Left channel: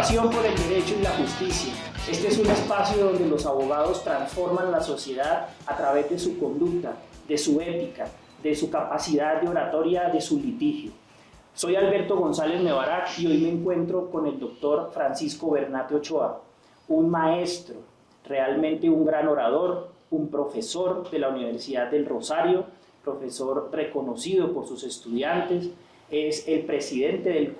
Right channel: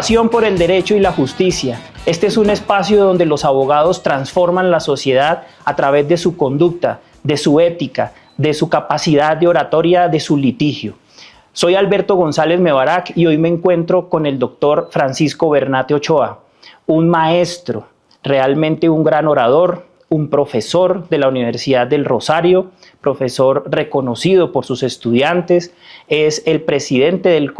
Pasión por el derecho y la justicia. Este es un espacio donde los abogados transforman la sociedad a través de su conducta, de su ética, de su capacidad de oratoria, de su litigio. Soy Alberto González Mebarak y hoy me encuentro con el doctor Francisco Bernate Ochoa, un maestro, realmente un gran orador, un profesor de la Universidad del Rosario, profesor reconocido por sus estudiantes, es el presidente del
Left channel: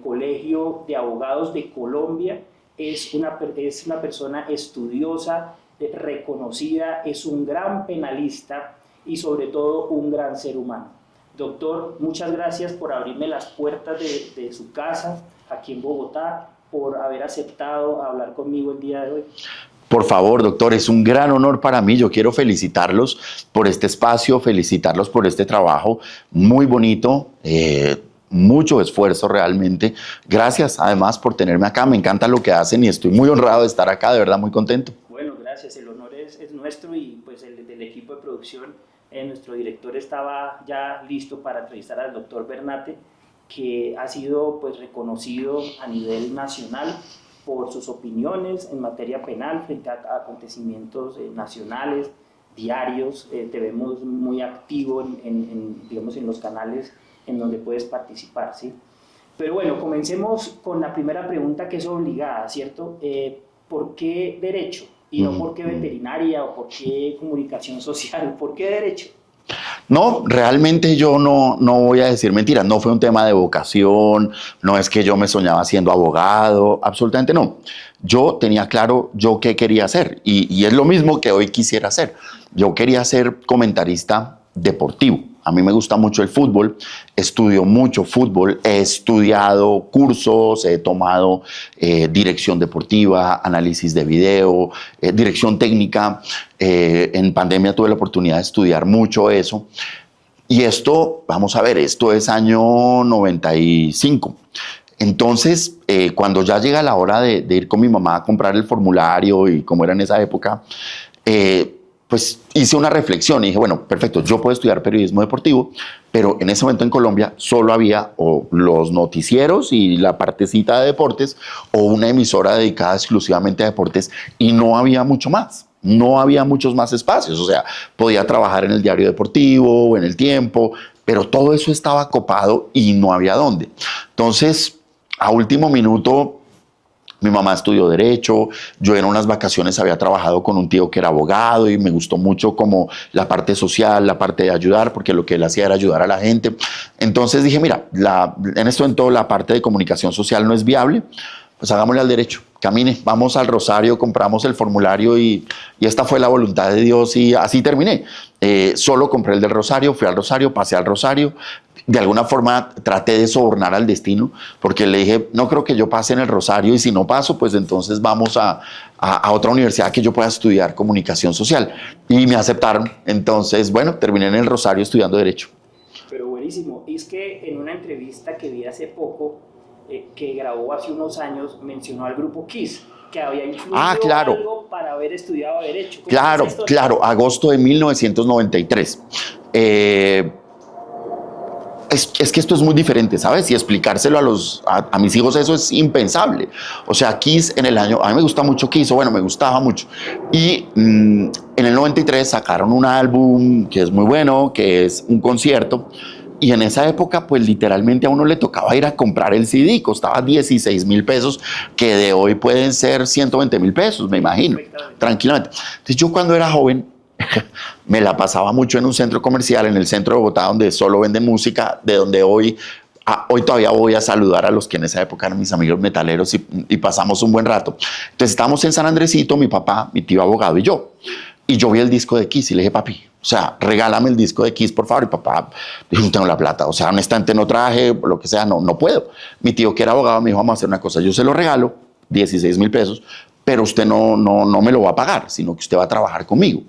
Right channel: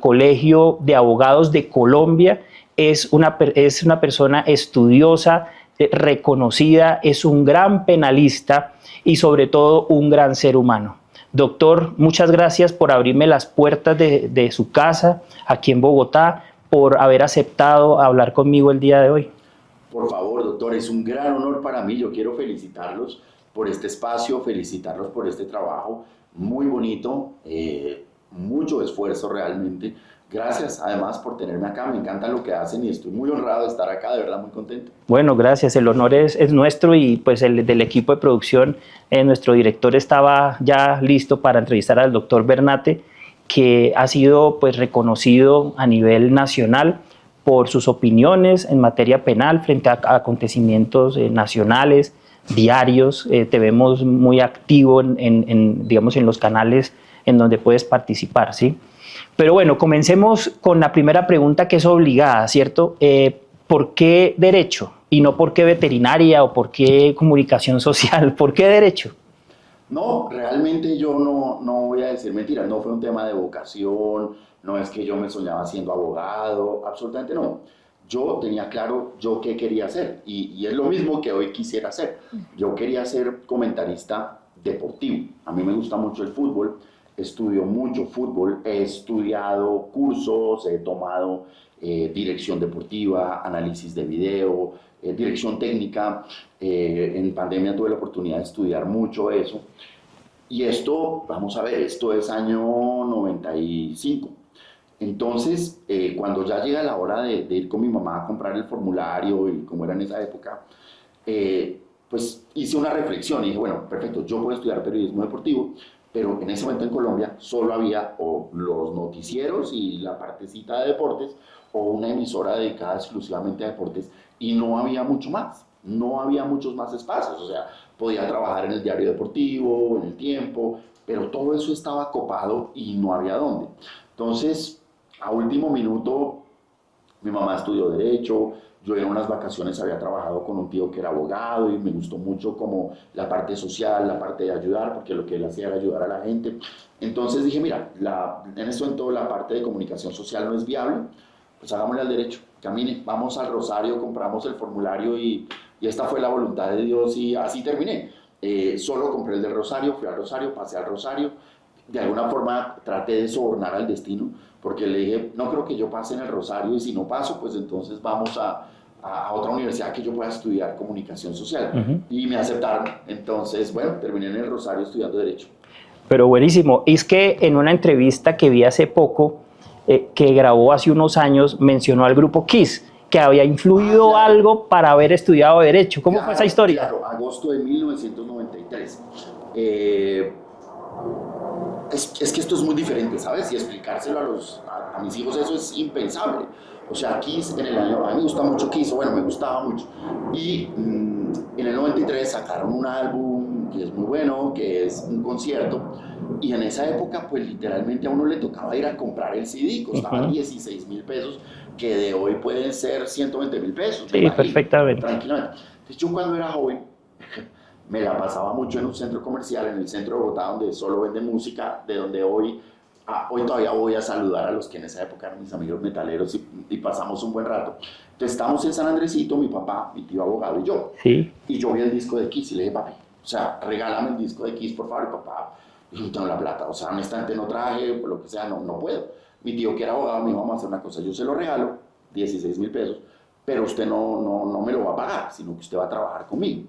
Colegio de Abogados de Colombia, es una persona estudiosa, reconocida, es un gran penalista y sobre todo un gran ser humano. Doctor, muchas gracias por abrirme las puertas de su casa aquí en Bogotá, por haber aceptado hablar conmigo el día de hoy. Por favor, doctor, es un gran honor para mí. Yo quiero felicitarlos por este espacio, felicitarlos por este trabajo muy bonito, mucho esfuerzo realmente. Gracias además por tenerme acá, me encanta lo que hacen y estoy muy honrado de estar acá, de verdad muy contento. Bueno, gracias, el honor es nuestro y pues el del equipo de producción, nuestro director estaba ya listo para entrevistar al doctor Bernate, que ha sido pues reconocido a nivel nacional por sus opiniones en materia penal frente a acontecimientos nacionales, diarios. Te vemos muy activo digamos, en los canales en donde puedes participar, ¿sí? Pero bueno, comencemos con la primera pregunta que es obligada, ¿cierto? ¿Por qué derecho? Y no por qué veterinaria o por qué comunicación social. ¿Por qué derecho? No, realmente yo no voy a decir mentiras, no fue un tema de vocación, no es que yo me soñaba siendo abogado, absolutamente no. Yo tenía claro yo qué quería hacer y es lo mismo que hoy quisiera hacer. Yo quería ser comentarista deportivo. A mí me gusta mucho el fútbol, estudio mucho fútbol, he estudiado cursos, he tomado dirección deportiva, análisis de video, dirección técnica. En pandemia tuve la oportunidad de estudiar mucho eso. Y esto, vamos a ver, esto es año 95. Entonces, cuando ya llega la hora de ir con mi mamá a comprar el formulario y como era en esa época, pues hice una reflexión y dije, bueno, perfecto, yo puedo estudiar periodismo deportivo, pero en ese momento en Colombia solo había o los noticieros y la partecita de deportes o una emisora dedicada exclusivamente a deportes y no había mucho más. No había muchos más espacios, o sea, podía trabajar en el diario deportivo o en el Tiempo, pero todo eso estaba copado y no había dónde. Entonces, a último minuto, mi mamá estudió Derecho, yo en unas vacaciones había trabajado con un tío que era abogado y me gustó mucho como la parte social, la parte de ayudar, porque lo que él hacía era ayudar a la gente. Entonces dije, mira, en esto en todo la parte de comunicación social no es viable, pues hagámosle al derecho, camine, vamos al Rosario, compramos el formulario y esta fue la voluntad de Dios y así terminé. Solo compré el del Rosario, fui al Rosario, pasé al Rosario. De alguna forma traté de sobornar al destino, porque le dije, no creo que yo pase en el Rosario y si no paso, pues entonces vamos a otra universidad que yo pueda estudiar comunicación social. Y me aceptaron. Entonces, bueno, terminé en el Rosario estudiando Derecho. Pero buenísimo. Es que en una entrevista que vi hace poco, que grabó hace unos años, mencionó al grupo Kiss, que había influido claro. algo para haber estudiado Derecho. ¿Cómo fue esa historia? Claro, agosto de 1993. Es que esto es muy diferente, ¿sabes? Y explicárselo a mis hijos eso es impensable. O sea, Kiss en el año... A mí me gusta mucho Kiss, o bueno, me gustaba mucho. Y en el 93 sacaron un álbum que es muy bueno, que es un concierto. Y en esa época, pues literalmente a uno le tocaba ir a comprar el CD. Costaba 16,000 pesos, que de hoy pueden ser 120,000 pesos, me imagino. Perfectamente. Tranquilamente. Entonces yo cuando era joven... me la pasaba mucho en un centro comercial en el centro de Bogotá donde solo venden música, de donde hoy todavía voy a saludar a los que en esa época eran mis amigos metaleros y pasamos un buen rato. Entonces estábamos en San Andresito, mi papá, mi tío abogado y yo. Sí. Y yo vi el disco de Kiss y le dije, papi, o sea, regálame el disco de Kiss, por favor. Y papá dijo, no tengo la plata, o sea, honestamente no traje, lo que sea, no puedo. Mi tío que era abogado me dijo, vamos a hacer una cosa, yo se lo regalo, 16,000 pesos, pero usted no me lo va a pagar, sino que usted va a trabajar conmigo.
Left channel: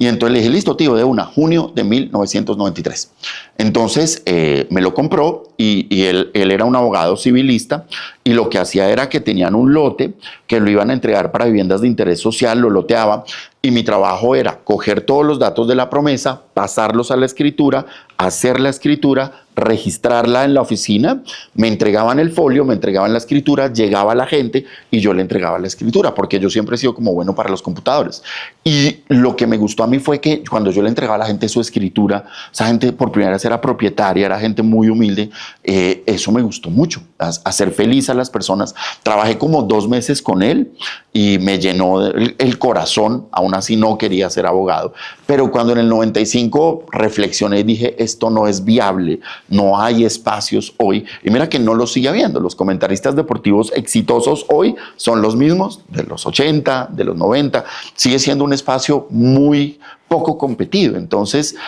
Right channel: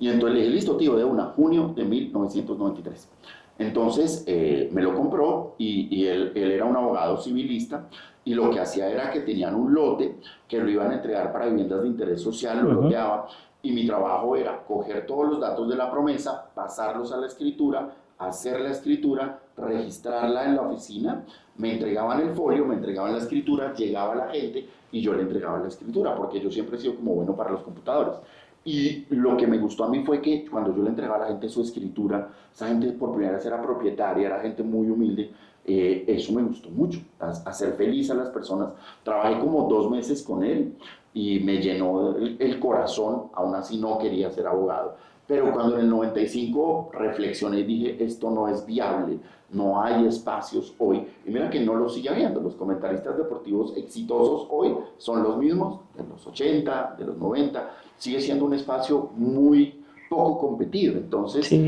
Y entonces le dije, listo, tío, de una, junio de 1993. Entonces me lo compró y él era un abogado civilista y lo que hacía era que tenían un lote que lo iban a entregar para viviendas de interés social, lo loteaba y mi trabajo era coger todos los datos de la promesa, pasarlos a la escritura, hacer la escritura, registrarla en la oficina, me entregaban el folio, me entregaban la escritura, llegaba la gente y yo le entregaba la escritura, porque yo siempre he sido como bueno para los computadores. Y lo que me gustó a mí fue que cuando yo le entregaba a la gente su escritura, esa gente por primera vez era propietaria, era gente muy humilde, eso me gustó mucho, hacer feliz a las personas. Trabajé como 2 meses con él y me llenó el corazón, aún así no quería ser abogado, pero cuando en el 95 reflexioné y dije, esto no es viable, no hay espacios hoy, y mira que no lo sigue habiendo, los comentaristas deportivos exitosos hoy son los mismos de los 80, de los 90, sigue siendo un espacio muy poco competido, entonces Sí.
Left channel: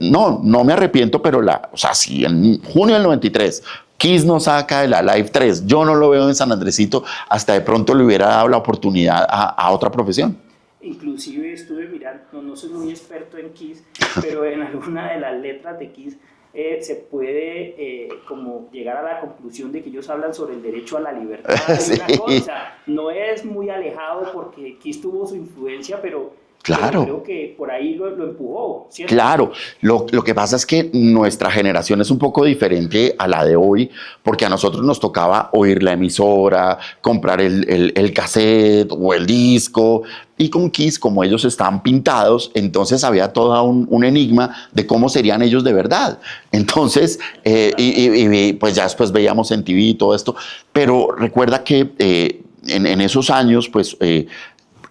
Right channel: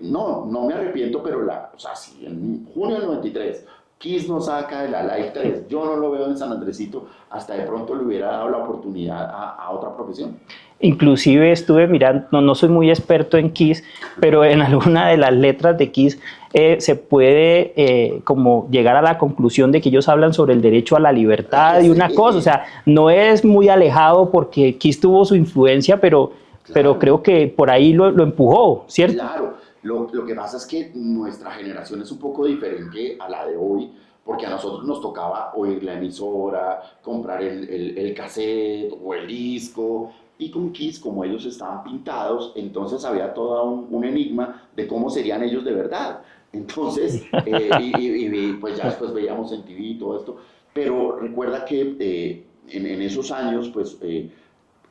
no me arrepiento, pero o sea, si en junio del 93 Kiss no saca de la Live 3, yo no lo veo en San Andresito, hasta de pronto le hubiera dado la oportunidad a otra profesión. Inclusive estuve mirando, no soy muy experto en Kiss, pero en alguna de las letras de Kiss se puede como llegar a la conclusión de que ellos hablan sobre el derecho a la libertad y una cosa, o sea, no es muy alejado porque Kiss tuvo su influencia, pero creo que por ahí lo empujó, ¿cierto? Claro, lo que pasa es que nuestra generación es un poco diferente a la de hoy, porque a nosotros nos tocaba oír la emisora, comprar el cassette o el disco, y con Kiss, como ellos estaban pintados, entonces había todo un enigma de cómo serían ellos de verdad. Entonces, pues ya después veíamos en TV y todo esto, pero recuerda que en esos años, pues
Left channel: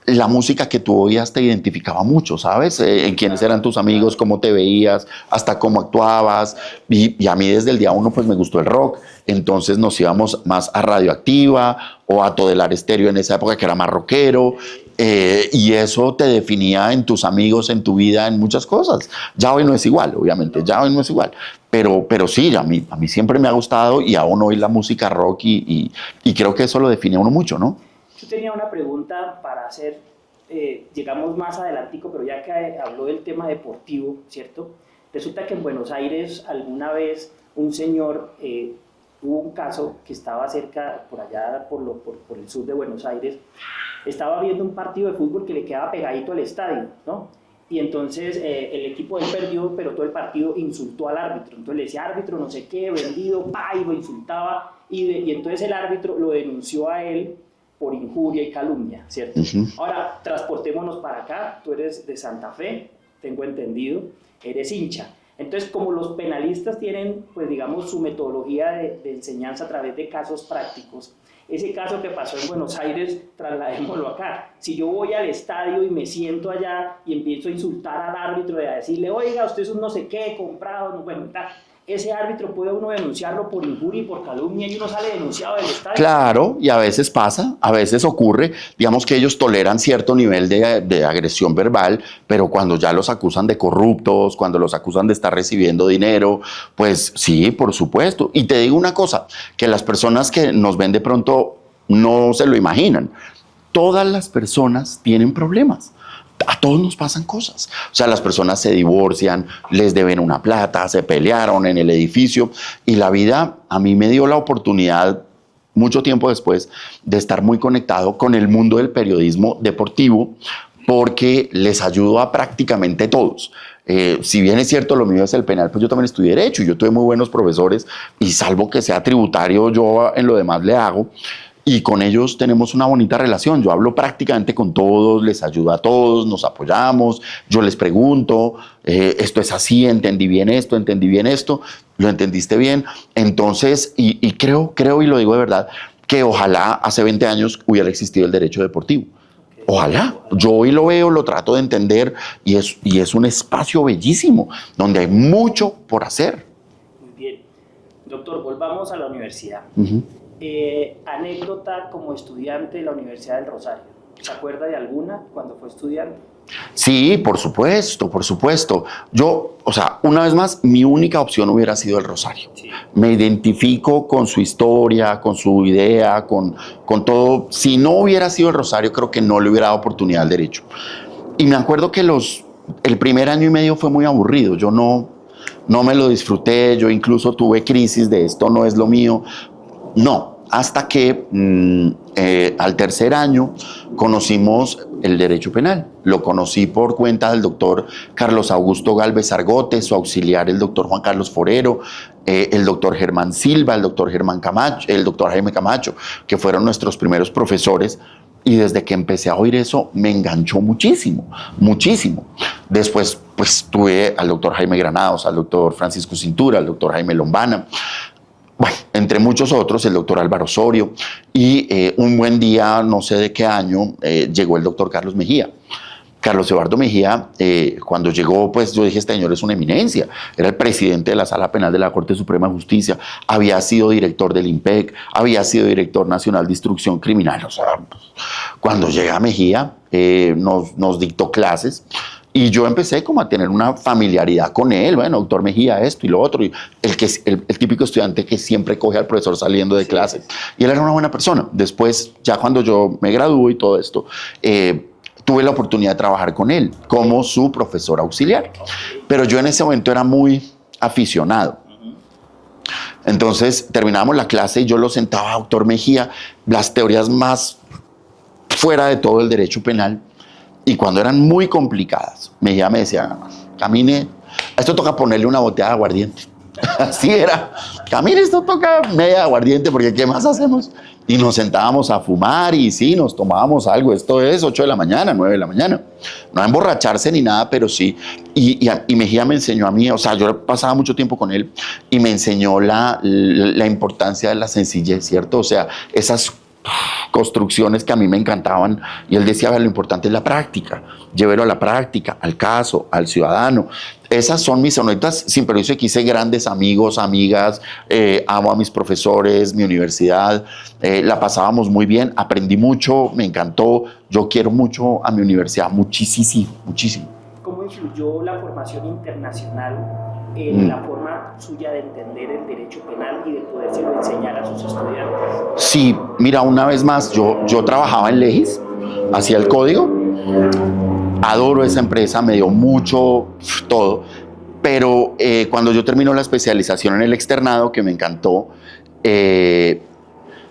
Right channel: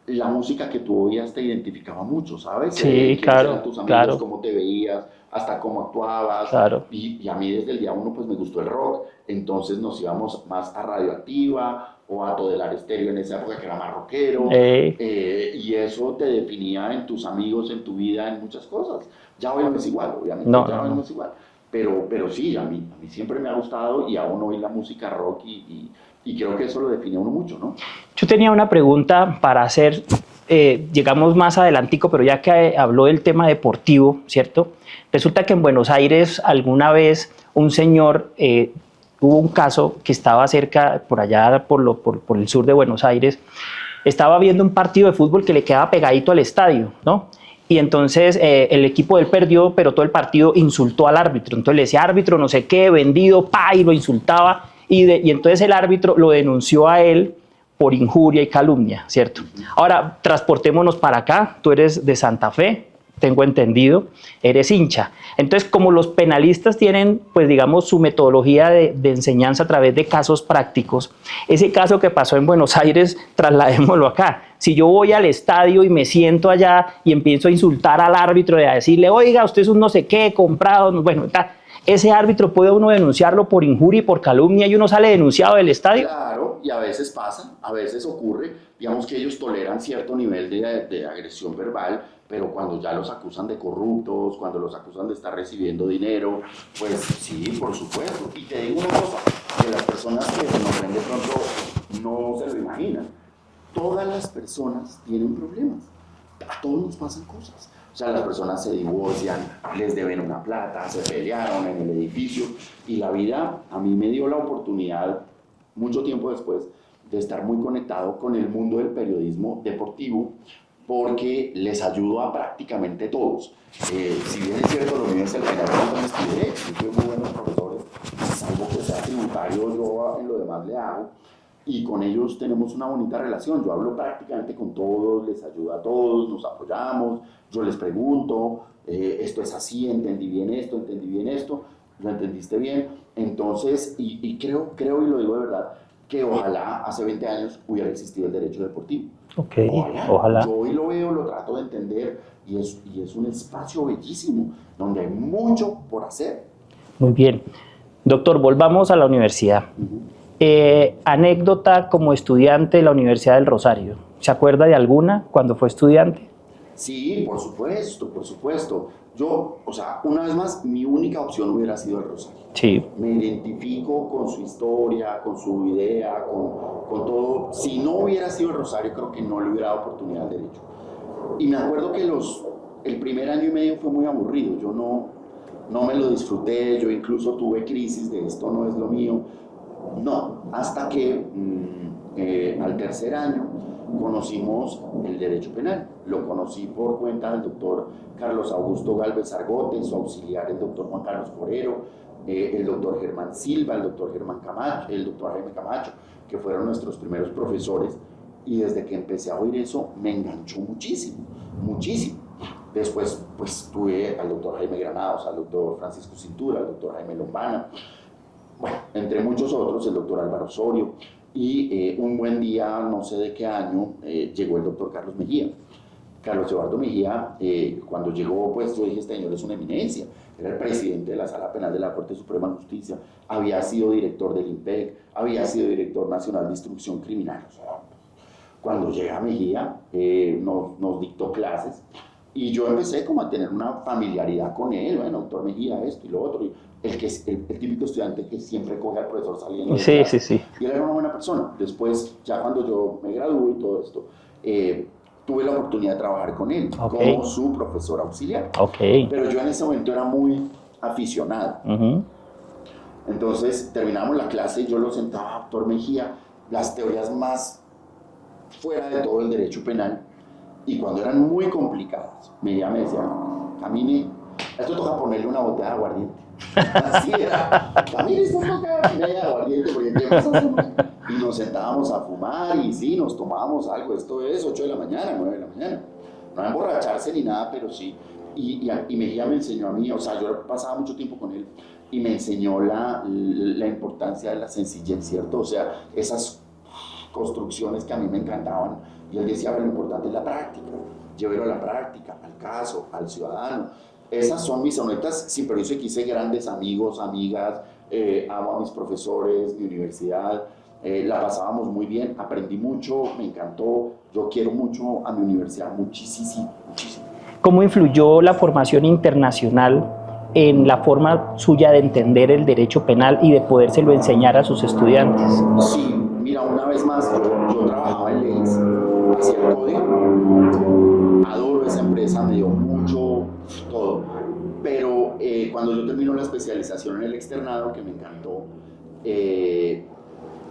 la música que tú oías te identificaba mucho, ¿sabes? Sí, Quiénes claro, eran tus amigos, claro. cómo te veías, hasta cómo actuabas. Claro. Y a mí desde el día 1 pues me gustó el rock, entonces nos íbamos más a Radioactiva o a Todelar Estéreo en esa época que era más rockero. Y eso te definía en tus amigos, en tu vida, en muchas cosas. Ya hoy no es igual, obviamente, ya hoy no es igual. Pero sí, a mí siempre me ha gustado y aún hoy la música rock y creo que eso lo define a uno mucho, ¿no? Yo tenía una pregunta para hacer, llegamos más adelantico, pero ya que habló del tema deportivo, ¿cierto? Resulta que en Buenos Aires alguna vez un señor, hubo un caso que estaba cerca, por allá, por el sur de Buenos Aires, estaba viendo un partido de fútbol que le quedaba pegadito al estadio, ¿no? Y entonces el equipo de él perdió, pero todo el partido insultó al árbitro. Entonces le decía, árbitro, no sé qué, vendido, pa, y lo insultaba. Y entonces el árbitro lo denunció a él por injuria y calumnia, ¿cierto? Ahora, transportémonos para acá. Tú eres de Santa Fe, tengo entendido, eres hincha. Entonces, como los penalistas tienen, pues digamos, su metodología de enseñanza a través de casos prácticos, ese caso que pasó en Buenos Aires, trasladémoslo acá. Si yo voy al estadio y me siento allá y empiezo a insultar al árbitro y a decirle, oiga, usted es un no sé qué, comprado, bueno, tal, ese árbitro puede uno denunciarlo por injuria y por calumnia y uno sale denunciado del estadio. Claro, y a veces pasa, a veces ocurre, digamos que ellos toleran cierto nivel de agresión verbal, pero cuando ya los acusan de corruptos, cuando los acusan de estar recibiendo dinero, pues sí, por supuesto. Y te digo una cosa, que las personas que nos ven de pronto no se lo imaginan. Todas las personas tienen problemas. A todos nos pasan cosas. O sea, las personas se divorcian, les deben una plata, se pelearon en el edificio y la vida a mí me dio la oportunidad mucho tiempo después de estar muy conectado con el mundo del periodismo deportivo porque les ayudo a prácticamente todos. Si bien es cierto, lo mío es el penal, pero yo también estudié Derecho y yo tuve muy buenos profesores y salvo que sea tributario, yo en lo demás le hago. Y con ellos tenemos una bonita relación. Yo hablo prácticamente con todos, les ayudo a todos, nos apoyamos, yo les pregunto, esto es así, entendí bien esto, lo entendiste bien. Entonces, y creo y lo digo de verdad, que ojalá hace 20 años hubiera existido el derecho deportivo. Okay, ojalá. Yo hoy lo veo, lo trato de entender y es un espacio bellísimo donde hay mucho por hacer. Muy bien. Doctor, volvamos a la universidad. Anécdota como estudiante de la Universidad del Rosario. ¿Se acuerda de alguna cuando fue estudiante? Sí, por supuesto, por supuesto. Yo, o sea, una vez más, mi única opción hubiera sido el Rosario. Sí. Me identifico con su historia, con su idea, con todo. Si no hubiera sido el Rosario, creo que no le hubiera dado oportunidad al derecho. Y me acuerdo que el primer año y medio fue muy aburrido. Yo no me lo disfruté, yo incluso tuve crisis de esto no es lo mío. No, hasta que al tercer año conocimos el derecho penal. Lo conocí por cuenta del doctor Carlos Augusto Galvez Argote, su auxiliar el doctor Juan Carlos Forero, el doctor Germán Silva, el doctor Germán Camacho, el doctor Jaime Camacho, que fueron nuestros primeros profesores. Y desde que empecé a oír eso, me enganchó muchísimo, muchísimo. Después, pues, tuve al doctor Jaime Granados, al doctor Francisco Cintura, al doctor Jaime Lombana, bueno, entre muchos otros, el doctor Álvaro Osorio. Y un buen día, no sé de qué año, llegó el doctor Carlos Mejía. Carlos Eduardo Mejía, cuando llegó, pues yo dije, este señor es una eminencia. Era el presidente de la Sala Penal de la Corte Suprema de Justicia, había sido director del IMPEC, había sido director nacional de instrucción criminal. O sea, cuando llega Mejía, nos dictó clases y yo empecé como a tener una familiaridad con él. Bueno, doctor Mejía, esto y lo otro. Y el típico estudiante que siempre coge al profesor saliendo de clase. Sí. Y él era una buena persona. Después, ya cuando yo me gradué y todo esto, tuve la oportunidad de trabajar con él como su profesor auxiliar. Pero yo en ese momento era muy aficionado. Entonces terminábamos la clase y yo lo sentaba, doctor Mejía, las teorías más fuera de todo el derecho penal. Y cuando eran muy complicadas, Mejía me decía, camine, a esto toca ponerle una botella de aguardiente. Así era. Camine, esto toca media de aguardiente, porque ¿qué más hacemos? Y nos sentábamos a fumar y sí, nos tomábamos algo. Esto es 8 de la mañana, 9 de la mañana. No a emborracharse ni nada, pero sí. Y Mejía me enseñó a mí, o sea, yo pasaba mucho tiempo con él y me enseñó la importancia de la sencillez, ¿cierto? O sea, esas construcciones que a mí me encantaban, y él decía, lo importante es la práctica, llévelo a la práctica, al caso, al ciudadano. Esas son mis anécdotas, sin perjuicio de que hice grandes amigos, amigas, amo a mis profesores, mi universidad, la pasábamos muy bien, aprendí mucho, me encantó, yo quiero mucho a mi universidad, muchísimo, muchísimo. ¿Cómo influyó la formación internacional en la forma suya de entender el derecho penal y de podérselo enseñar a sus estudiantes? Sí, mira, una vez más, yo trabajaba en Legis, hacía el código, adoro esa empresa, me dio mucho todo, pero cuando yo termino la especialización en el externado, que me encantó,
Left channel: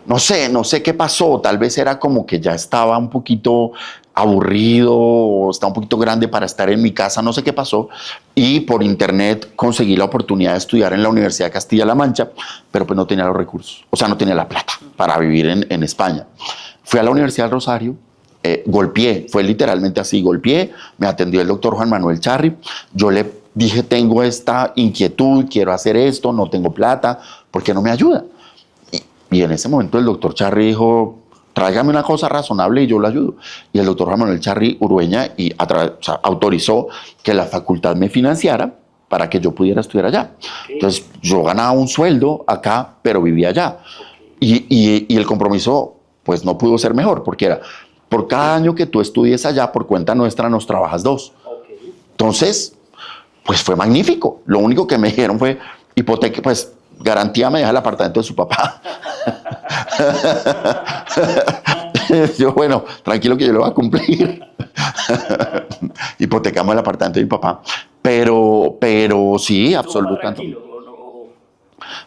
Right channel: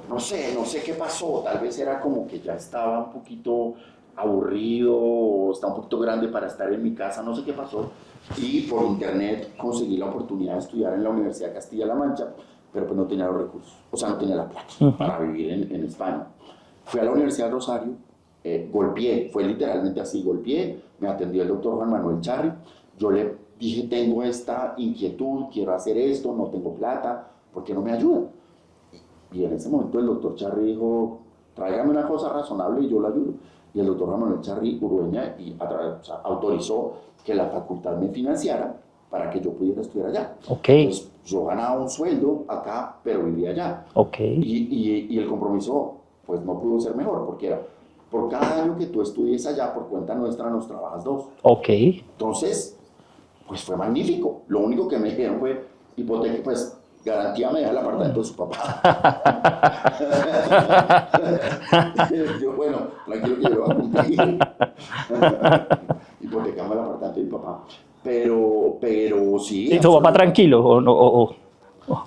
no sé qué pasó, tal vez era como que ya estaba un poquito aburrido o estaba un poquito grande para estar en mi casa, no sé qué pasó, y por internet conseguí la oportunidad de estudiar en la Universidad de Castilla-La Mancha, pero pues no tenía los recursos, o sea, no tenía la plata para vivir en España. Fui a la Universidad del Rosario, golpeé, fue literalmente así, golpeé, me atendió el doctor Juan Manuel Charri, yo le dije, tengo esta inquietud, quiero hacer esto, no tengo plata, ¿por qué no me ayuda? Y en ese momento el doctor Charri dijo, tráigame una cosa razonable y yo lo ayudo. Y el doctor Juan Manuel Charri Urueña autorizó que la facultad me financiara para que yo pudiera estudiar allá. Entonces yo ganaba un sueldo acá, pero vivía allá. Y el compromiso pues no pudo ser mejor, porque era, por cada año que tú estudies allá, por cuenta nuestra nos trabajas 2. Entonces, pues fue magnífico. Lo único que me dijeron fue, hipoteca, pues garantía me deja el apartamento de su papá. Yo, bueno, tranquilo que yo lo voy a cumplir. Hipotecamos el apartamento de mi papá. Pero sí, ¿Su papá tranquilo o no?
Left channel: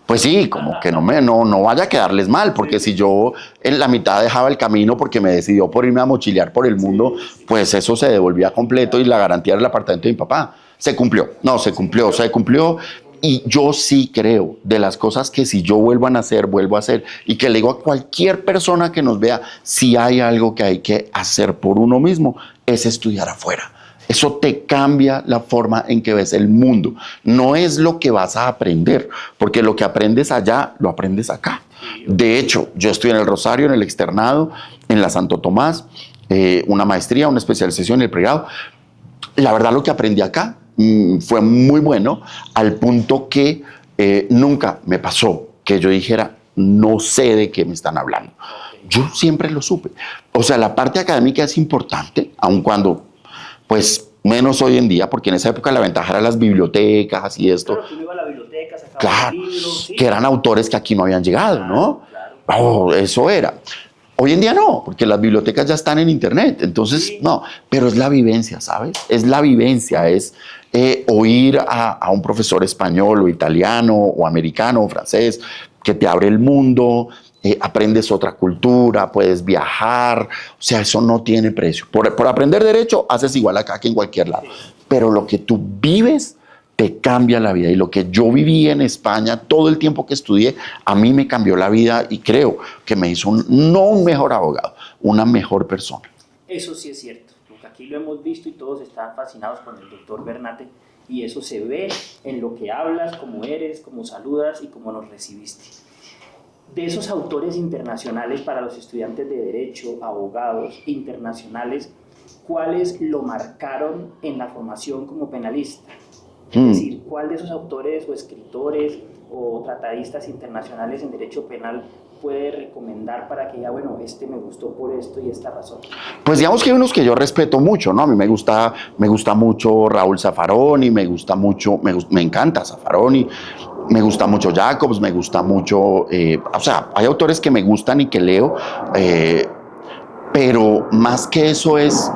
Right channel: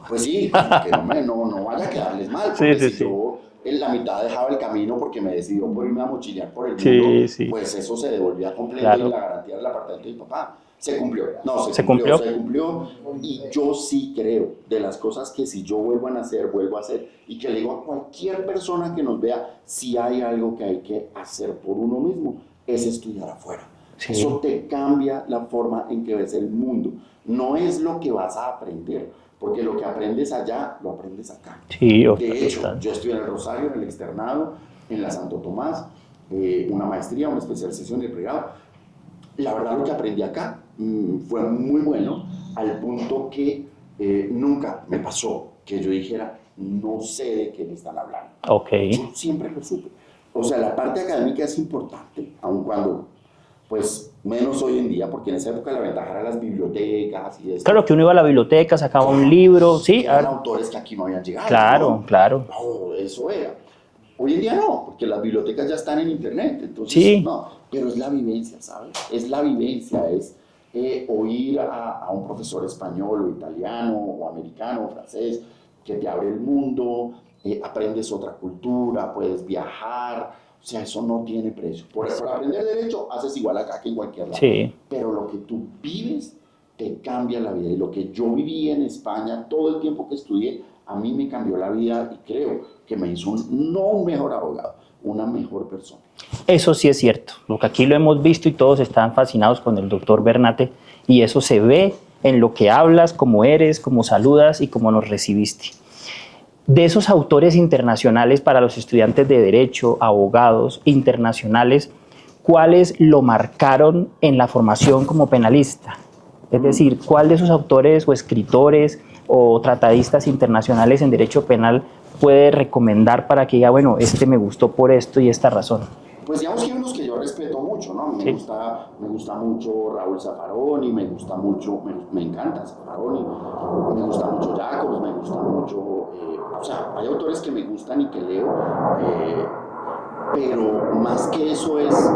Pues sí, como que no vaya a quedarles mal, porque si yo en la mitad dejaba el camino porque me decidió por irme a mochilear por el mundo, pues eso se devolvía completo y la garantía era el apartamento de mi papá. Se cumplió, se cumplió. Y yo sí creo de las cosas que si yo vuelvo a hacer, y que le digo a cualquier persona que nos vea, si hay algo que hay que hacer por uno mismo, es estudiar afuera. Eso te cambia la forma en que ves el mundo. No es lo que vas a aprender, porque lo que aprendes allá, lo aprendes acá. De hecho, yo estudié en el Rosario, en el externado, en la Santo Tomás, una maestría, una especialización en el pregrado. La verdad, lo que aprendí acá fue muy bueno, al punto que nunca me pasó que yo dijera, no sé de qué me están hablando. Yo siempre lo supe. O sea, la parte académica es importante, aun cuando, pues, menos hoy en día, porque en esa época la ventaja era las bibliotecas y esto. Claro, que uno iba a la biblioteca, sacaba un libro. Que eran autores que aquí no habían llegado, ¿no? Claro. Eso era. Hoy en día no, porque las bibliotecas ya están en internet, entonces no, pero es la vivencia, ¿sabes? Es la vivencia, es oír a un profesor español o italiano o americano o francés que te abre el mundo, aprendes otra cultura, puedes viajar, o sea, eso no tiene precio. Por aprender derecho, haces igual acá que en cualquier lado. Sí. Pero lo que tú vives te cambia la vida. Y lo que yo viví en España, todo el tiempo que estudié, a mí me cambió la vida y creo que me hizo no un mejor abogado, una mejor persona. Eso sí es cierto, lo que aquí lo hemos visto y todos están fascinados con el doctor Bernate y eso se ve en lo que hablas, cómo eres, cómo saludas y cómo nos recibiste. De esos autores internacionales para los estudiantes de Derecho, abogados internacionales, ¿cuáles lo marcaron en la formación como penalista? Es decir, ¿cuál de esos autores o escritores o tratadistas internacionales en Derecho Penal puede recomendar para que diga, bueno, este me gustó por esto y esta razón? Pues digamos que hay unos que yo respeto mucho, ¿no? A mí me gusta mucho Raúl Zaffaroni, me encanta Zaffaroni, me gusta mucho Jacobs, me gusta mucho, o sea, hay autores que me gustan y que leo, pero más que eso es,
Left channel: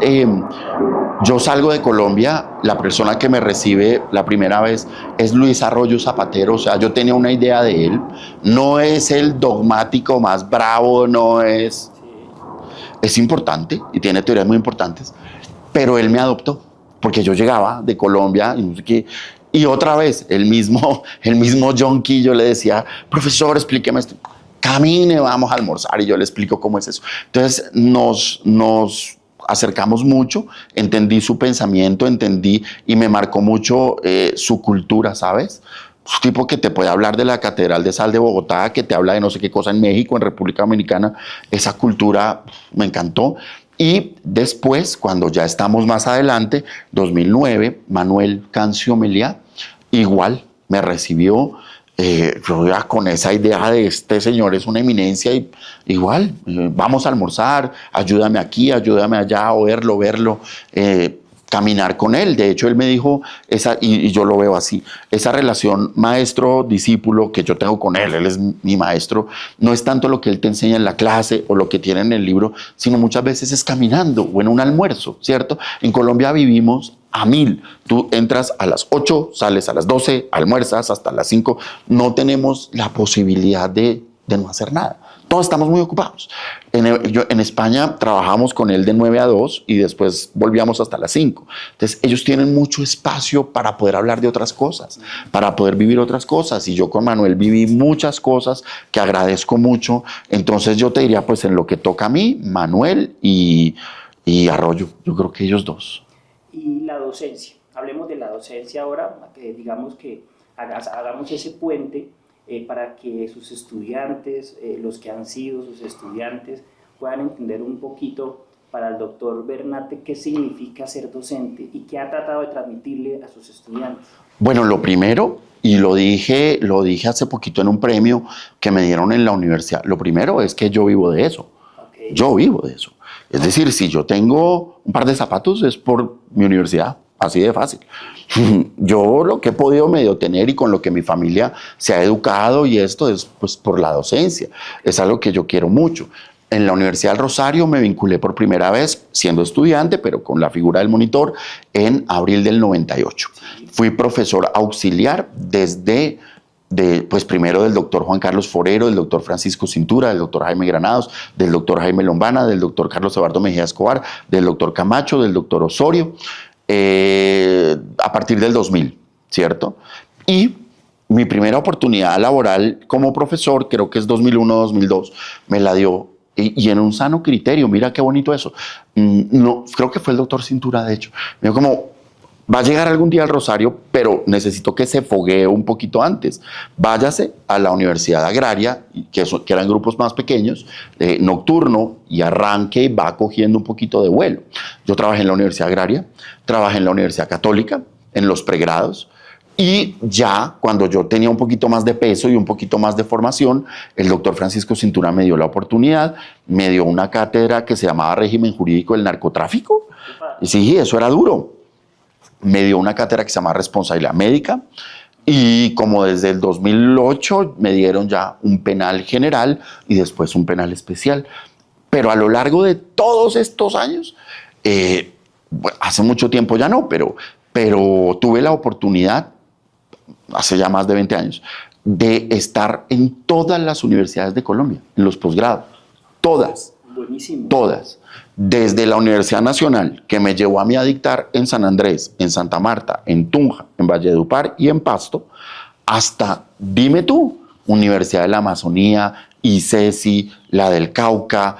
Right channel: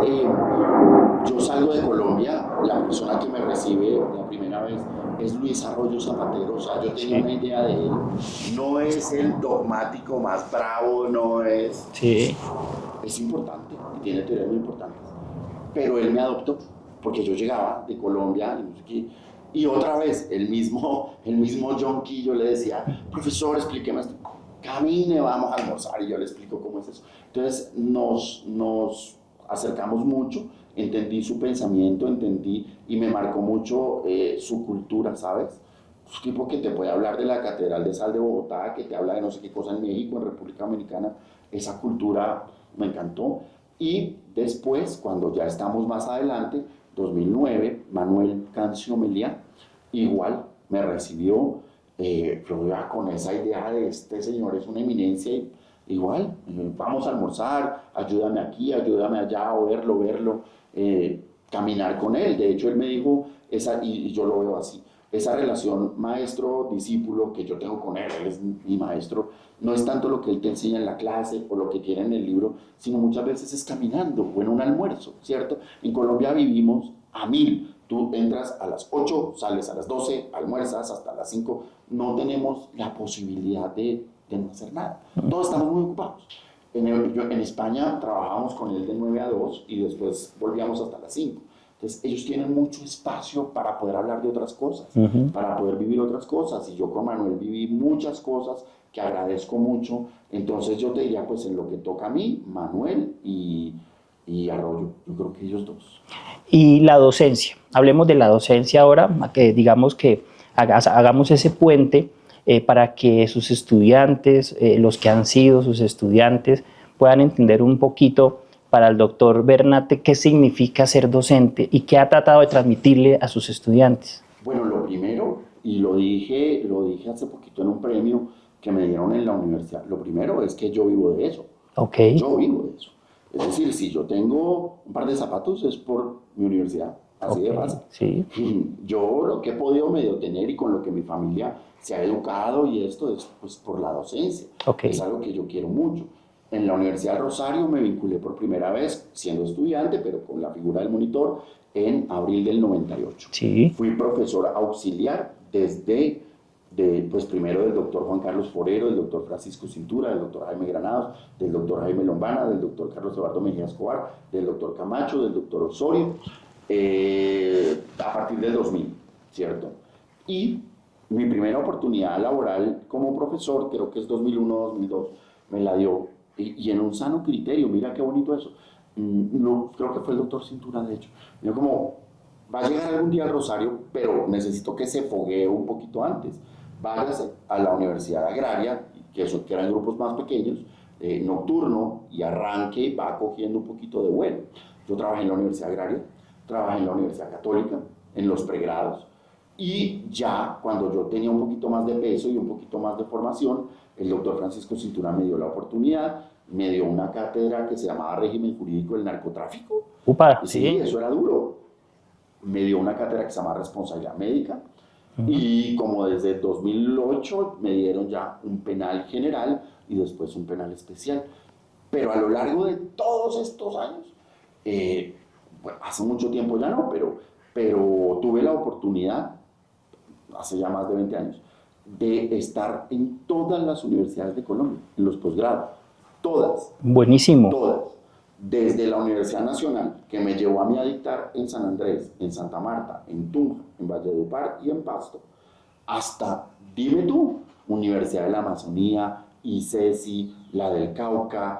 yo salgo de Colombia, la persona que me recibe la primera vez es Luis Arroyo Zapatero, o sea, yo tenía una idea de él, no es el dogmático más bravo, no es... Sí. Es importante y tiene teorías muy importantes, pero él me adoptó, porque yo llegaba de Colombia y no sé qué, y otra vez el mismo John Key, yo le decía, profesor, explíqueme esto. Camine, vamos a almorzar y yo le explico cómo es eso. Entonces nos acercamos mucho, entendí su pensamiento, entendí y me marcó mucho su cultura, ¿sabes? Un tipo que te puede hablar de la Catedral de Sal de Bogotá, que te habla de no sé qué cosa en México, en República Dominicana. Esa cultura me encantó. Y después, cuando ya estamos más adelante, 2009, Manuel Cancio Meliá, igual me recibió. Yo ya con esa idea de este señor es una eminencia y igual, vamos a almorzar, ayúdame aquí, ayúdame allá, verlo, caminar con él. De hecho, él me dijo, y yo lo veo así, esa relación maestro-discípulo que yo tengo con él es mi maestro, no es tanto lo que él te enseña en la clase o lo que tiene en el libro, sino muchas veces es caminando o en un almuerzo, ¿cierto? En Colombia vivimos a 1000. Tú entras a las 8, sales a las 12, almuerzas hasta las 5. No tenemos la posibilidad de no hacer nada. Todos estamos muy ocupados. En España trabajamos con él de 9 a 2 y después volvíamos hasta las 5. Entonces ellos tienen mucho espacio para poder hablar de otras cosas, para poder vivir otras cosas. Y yo con Manuel viví muchas cosas que agradezco mucho. Entonces yo te diría, pues en lo que toca a mí, Manuel y Arroyo. Yo creo que ellos dos. Y la docencia. Hablemos de la docencia ahora, que digamos que hagamos ese puente para que sus estudiantes, los que han sido sus estudiantes, puedan entender un poquito para el doctor Bernate qué significa ser docente y qué ha tratado de transmitirle a sus estudiantes. Bueno, lo primero, y lo dije hace poquito en un premio que me dieron en la universidad, lo primero es que yo vivo de eso. Okay. Yo vivo de eso. Es decir, si yo tengo un par de zapatos es por mi universidad, así de fácil. Sí. Yo lo que he podido medio tener y con lo que mi familia se ha educado y esto es pues por la docencia. Okay. Es algo que yo quiero mucho. En la Universidad del Rosario me vinculé por primera vez siendo estudiante, pero con la figura del monitor, en abril del 98. Sí. Fui profesor auxiliar desde... pues primero del doctor Juan Carlos Forero, del doctor Francisco Cintura, del doctor Jaime Granados, del doctor Jaime Lombana, del doctor Carlos Eduardo Mejía Escobar, del doctor Camacho, del doctor Osorio, a partir del 2000, ¿cierto? Y mi primera oportunidad laboral como profesor, creo que es 2001-2002, me la dio, y en un sano criterio, mira qué bonito eso. No, creo que fue el doctor Cintura, de hecho. Me dijo como... va a llegar algún día al Rosario, pero necesito que se foguee un poquito antes. Váyase a la Universidad Agraria, que eran grupos más pequeños, nocturno, y arranque y va cogiendo un poquito de vuelo. Yo trabajé en la Universidad Agraria, trabajé en la Universidad Católica, en los pregrados, y ya cuando yo tenía un poquito más de peso y un poquito más de formación, el doctor Francisco Cintura me dio la oportunidad, me dio una cátedra que se llamaba Régimen Jurídico del Narcotráfico. Upa. Sí, eso era duro. Me dio una cátedra que se llama Responsabilidad Médica y como desde el 2008 me dieron ya un penal general y después un penal especial. Pero a lo largo de todos estos años, bueno, hace mucho tiempo ya no, pero tuve la oportunidad, hace ya más de 20 años, de estar en todas las universidades de Colombia, en los posgrados, todas. Buenísimo. Todas. Desde la Universidad Nacional, que me llevó a mí a dictar en San Andrés, en Santa Marta, en Tunja, en Valledupar y en Pasto, hasta, dime tú, Universidad de la Amazonía, ICESI, la del Cauca,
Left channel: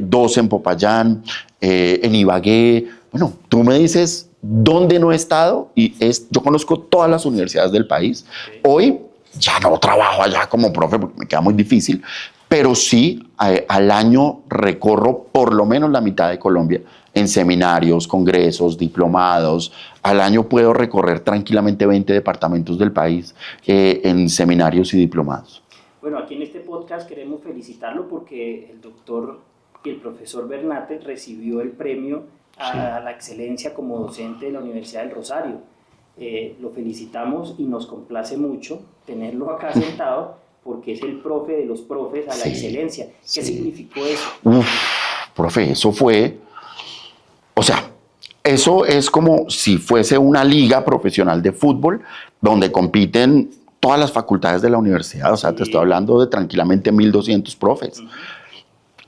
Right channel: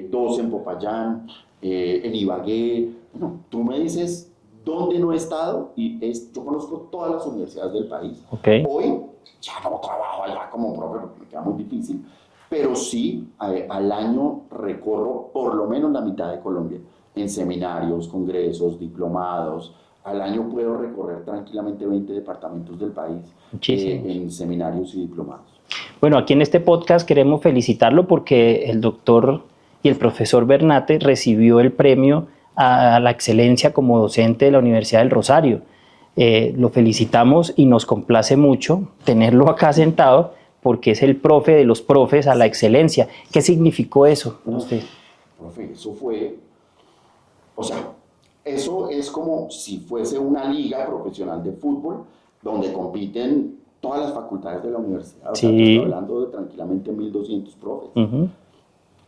dos en Popayán, en Ibagué. Bueno, tú me dices dónde no he estado y yo conozco todas las universidades del país. Okay. Hoy ya no trabajo allá como profe porque me queda muy difícil, pero sí al año recorro por lo menos la mitad de Colombia en seminarios, congresos, diplomados. Al año puedo recorrer tranquilamente 20 departamentos del país en seminarios y diplomados. Bueno, aquí en este podcast queremos felicitarlo porque el doctor y el profesor Bernate recibió el premio a la excelencia como docente de la Universidad del Rosario. Lo felicitamos y nos complace mucho tenerlo acá sentado porque es el profe de los profes a la excelencia. ¿Qué significó eso? Profe, eso fue, o sea, eso es como si fuese una liga profesional de fútbol donde compiten todas las facultades de la universidad. O sea, te estoy hablando de tranquilamente 1.200 profes.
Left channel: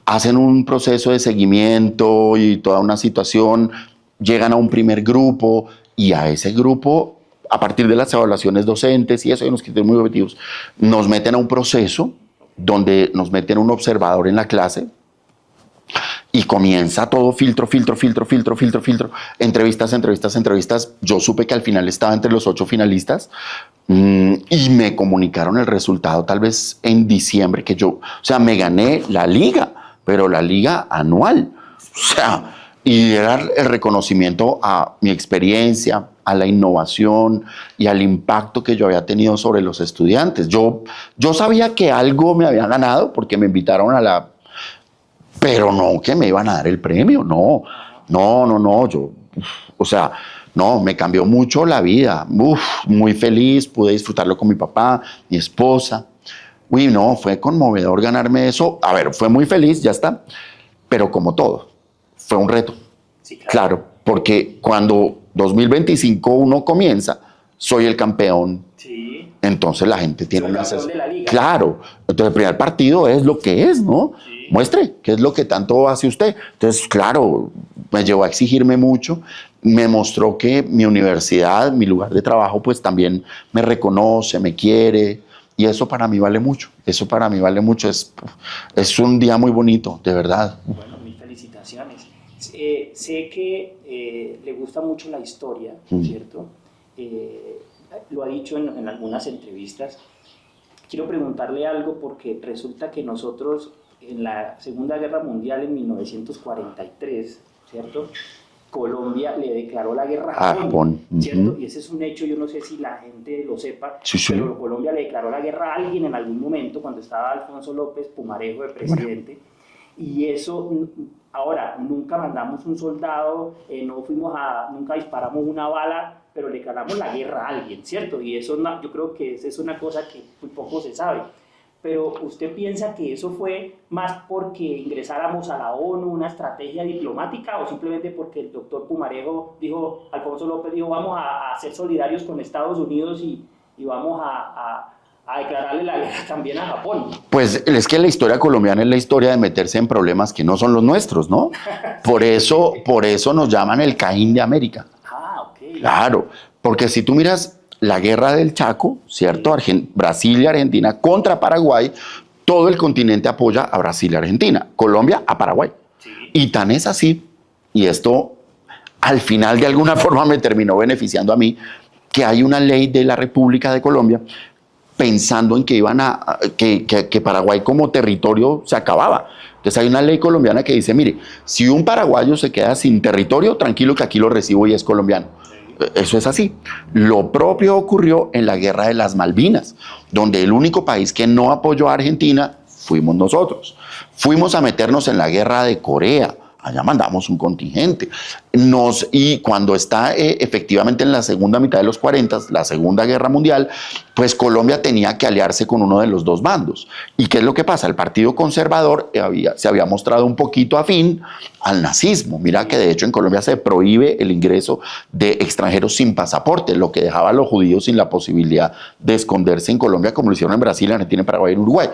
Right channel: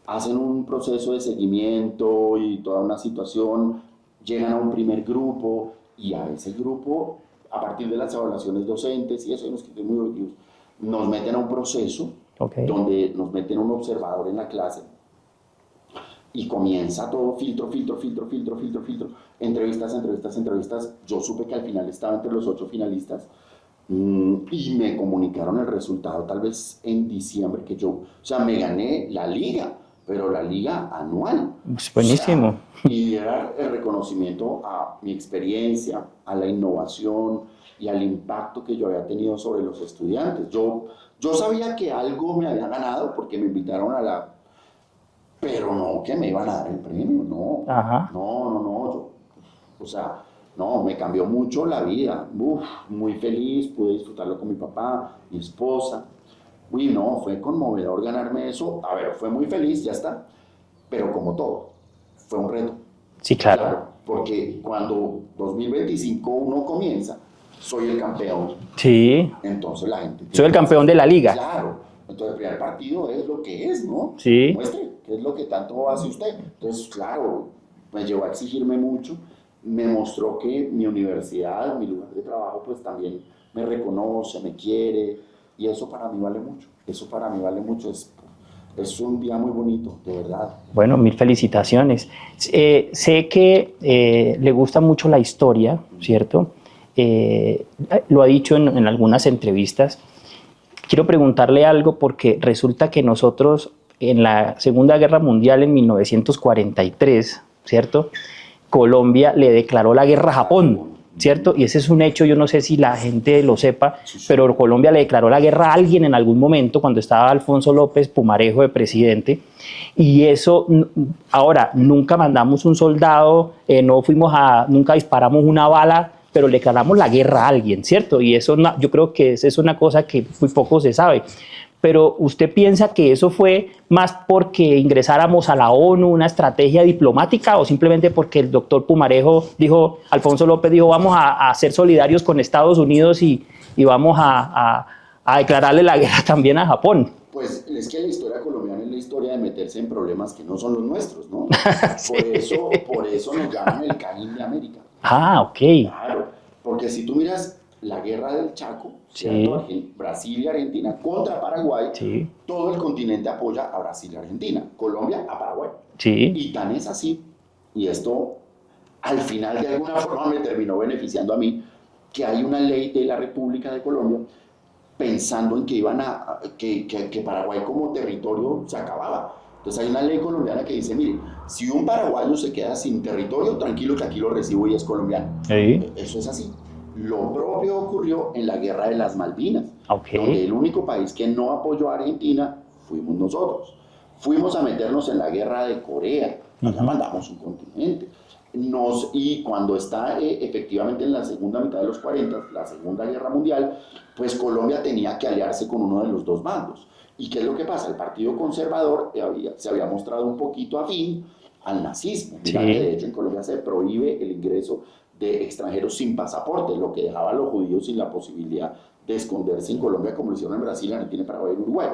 Hacen un proceso de seguimiento y toda una situación, llegan a un primer grupo y a ese grupo, a partir de las evaluaciones docentes y eso, hay unos criterios muy objetivos, nos meten a un proceso donde nos meten un observador en la clase y comienza todo filtro, entrevistas. Yo supe que al final estaba entre los 8 finalistas y me comunicaron el resultado tal vez en diciembre, que yo, o sea, me gané la liga, pero la liga anual. O sea, y era el reconocimiento a mi experiencia, a la innovación y al impacto que yo había tenido sobre los estudiantes. Yo sabía que algo me había ganado porque me invitaron a la... Pero no que me iban a dar el premio, no. No, yo... O sea, no, me cambió mucho la vida. Muy feliz, pude disfrutarlo con mi papá, mi esposa. Uy, no, fue conmovedor ganarme eso. A ver, fue muy feliz, ya está. Pero como todo, fue un reto. Sí, claro. Claro, porque cuando 2025 uno comienza, soy el campeón. Sí. Entonces la gente tiene... Soy el campeón de la liga. Claro. Entonces el primer partido es lo que es, ¿no? Sí. Muestre qué es lo que tanto hace usted. Entonces, claro, me llevó a exigirme mucho. Me mostró que mi universidad, mi lugar de trabajo, pues también me reconoce, me quiere. Y eso para mí vale mucho. Eso para mí vale mucho. Es un día muy bonito, de verdad. Bueno, 1000 felicitaciones. Sé que le gusta mucho la historia, ¿cierto? Lo ha dicho en algunas entrevistas. Quiero preguntarle algo porque resulta que nosotros en la Segunda Guerra Mundial en 1943, ¿cierto? Colombia le declaró la guerra a Japón, ¿cierto? Y ese es un hecho, yo no sé si la gente lo sepa, pero Colombia le declaró la guerra a alguien en algún momento cuando estaba Alfonso López Pumarejo de presidente. Y eso, ahora, nunca mandamos un soldado, nunca disparamos una bala, pero le declaramos la guerra a alguien, ¿cierto? Y eso yo creo que es una cosa que muy poco se sabe. Pero ¿usted piensa que eso fue más porque ingresáramos a la ONU, una estrategia diplomática, o simplemente porque el doctor Pumarejo dijo, Alfonso López dijo, vamos a ser solidarios con Estados Unidos y vamos a declararle la guerra también a Japón? Pues es que la historia colombiana es la historia de meterse en problemas que no son los nuestros, ¿no? Sí. Por eso nos llaman el Caín de América. Ah, ok. Claro, porque si tú miras la guerra del Chaco, ¿cierto? Sí. Brasil y Argentina contra Paraguay, todo el continente apoya a Brasil y Argentina, Colombia a Paraguay. Sí. Y tan es así, y esto al final de alguna forma me terminó beneficiando a mí, que hay una ley de la República de Colombia pensando en que que Paraguay como territorio se acababa. Entonces hay una ley colombiana que dice, mire, si un paraguayo se queda sin territorio, tranquilo que aquí lo recibo y es colombiano. Sí. Eso es así. Lo propio ocurrió en la Guerra de las Malvinas, donde el único país que no apoyó a Argentina fuimos nosotros. Fuimos a meternos en la Guerra de Corea, Allá mandamos un contingente. Y cuando está efectivamente en la segunda mitad de los 40, la Segunda Guerra Mundial, pues Colombia tenía que aliarse con uno de los dos bandos. ¿Y qué es lo que pasa? El Partido Conservador se había mostrado un poquito afín al nazismo. Mira que de hecho en Colombia se prohíbe el ingreso de extranjeros sin pasaporte, lo que dejaba a los judíos sin la posibilidad de esconderse en Colombia, como lo hicieron en Brasil, en Argentina, en Paraguay y en Uruguay.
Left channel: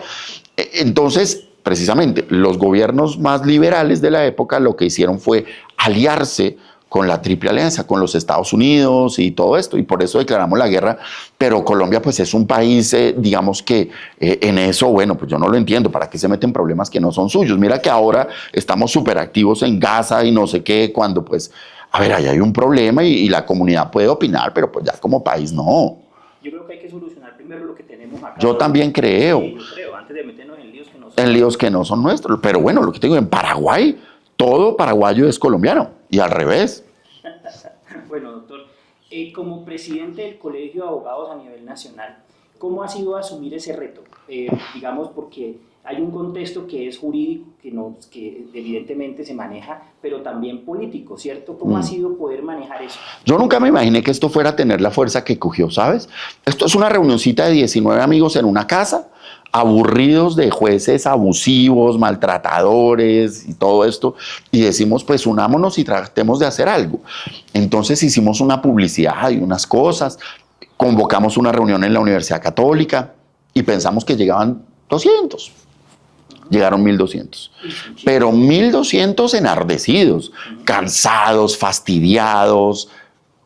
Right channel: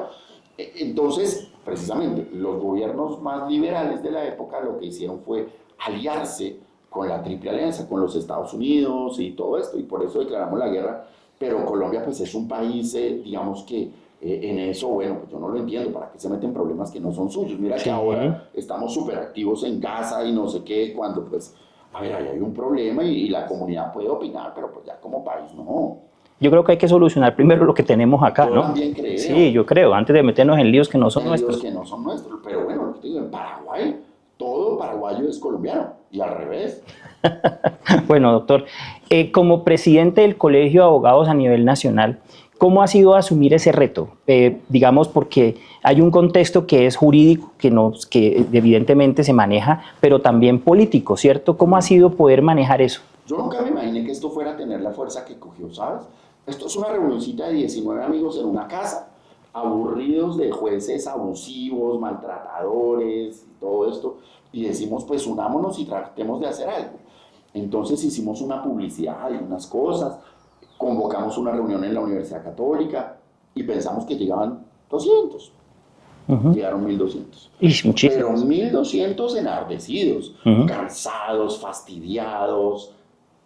Entonces, precisamente, los gobiernos más liberales de la época lo que hicieron fue aliarse con la Triple Alianza, con los Estados Unidos y todo esto, y por eso declaramos la guerra. Pero Colombia pues es un país, digamos que en eso, bueno, pues yo no lo entiendo, ¿para qué se meten problemas que no son suyos? Mira que ahora estamos súper activos en Gaza y no sé qué, cuando pues, a ver, ahí hay un problema y la comunidad puede opinar, pero pues ya como país no. Yo creo que hay que solucionar primero lo que tenemos acá. Yo también creo. Sí, yo creo, antes de meternos en líos que no son nuestros. En líos que no son nuestros. Pero bueno, lo que te digo, en Paraguay, todo paraguayo es colombiano y al revés. Bueno, doctor, como presidente del Colegio de Abogados a nivel nacional, ¿cómo ha sido asumir ese reto? Digamos, porque hay un contexto que es jurídico, que evidentemente se maneja, pero también político, ¿cierto? ¿Cómo ha sido poder manejar eso? Yo nunca me imaginé que esto fuera a tener la fuerza que cogió, ¿sabes? Esto es una reunioncita de 19 amigos en una casa, aburridos de jueces abusivos, maltratadores y todo esto, y decimos, pues unámonos y tratemos de hacer algo. Entonces hicimos una publicidad y unas cosas, convocamos una reunión en la Universidad Católica y pensamos que llegaban 200. Llegaron 1.200. Pero 1.200 enardecidos, cansados, fastidiados.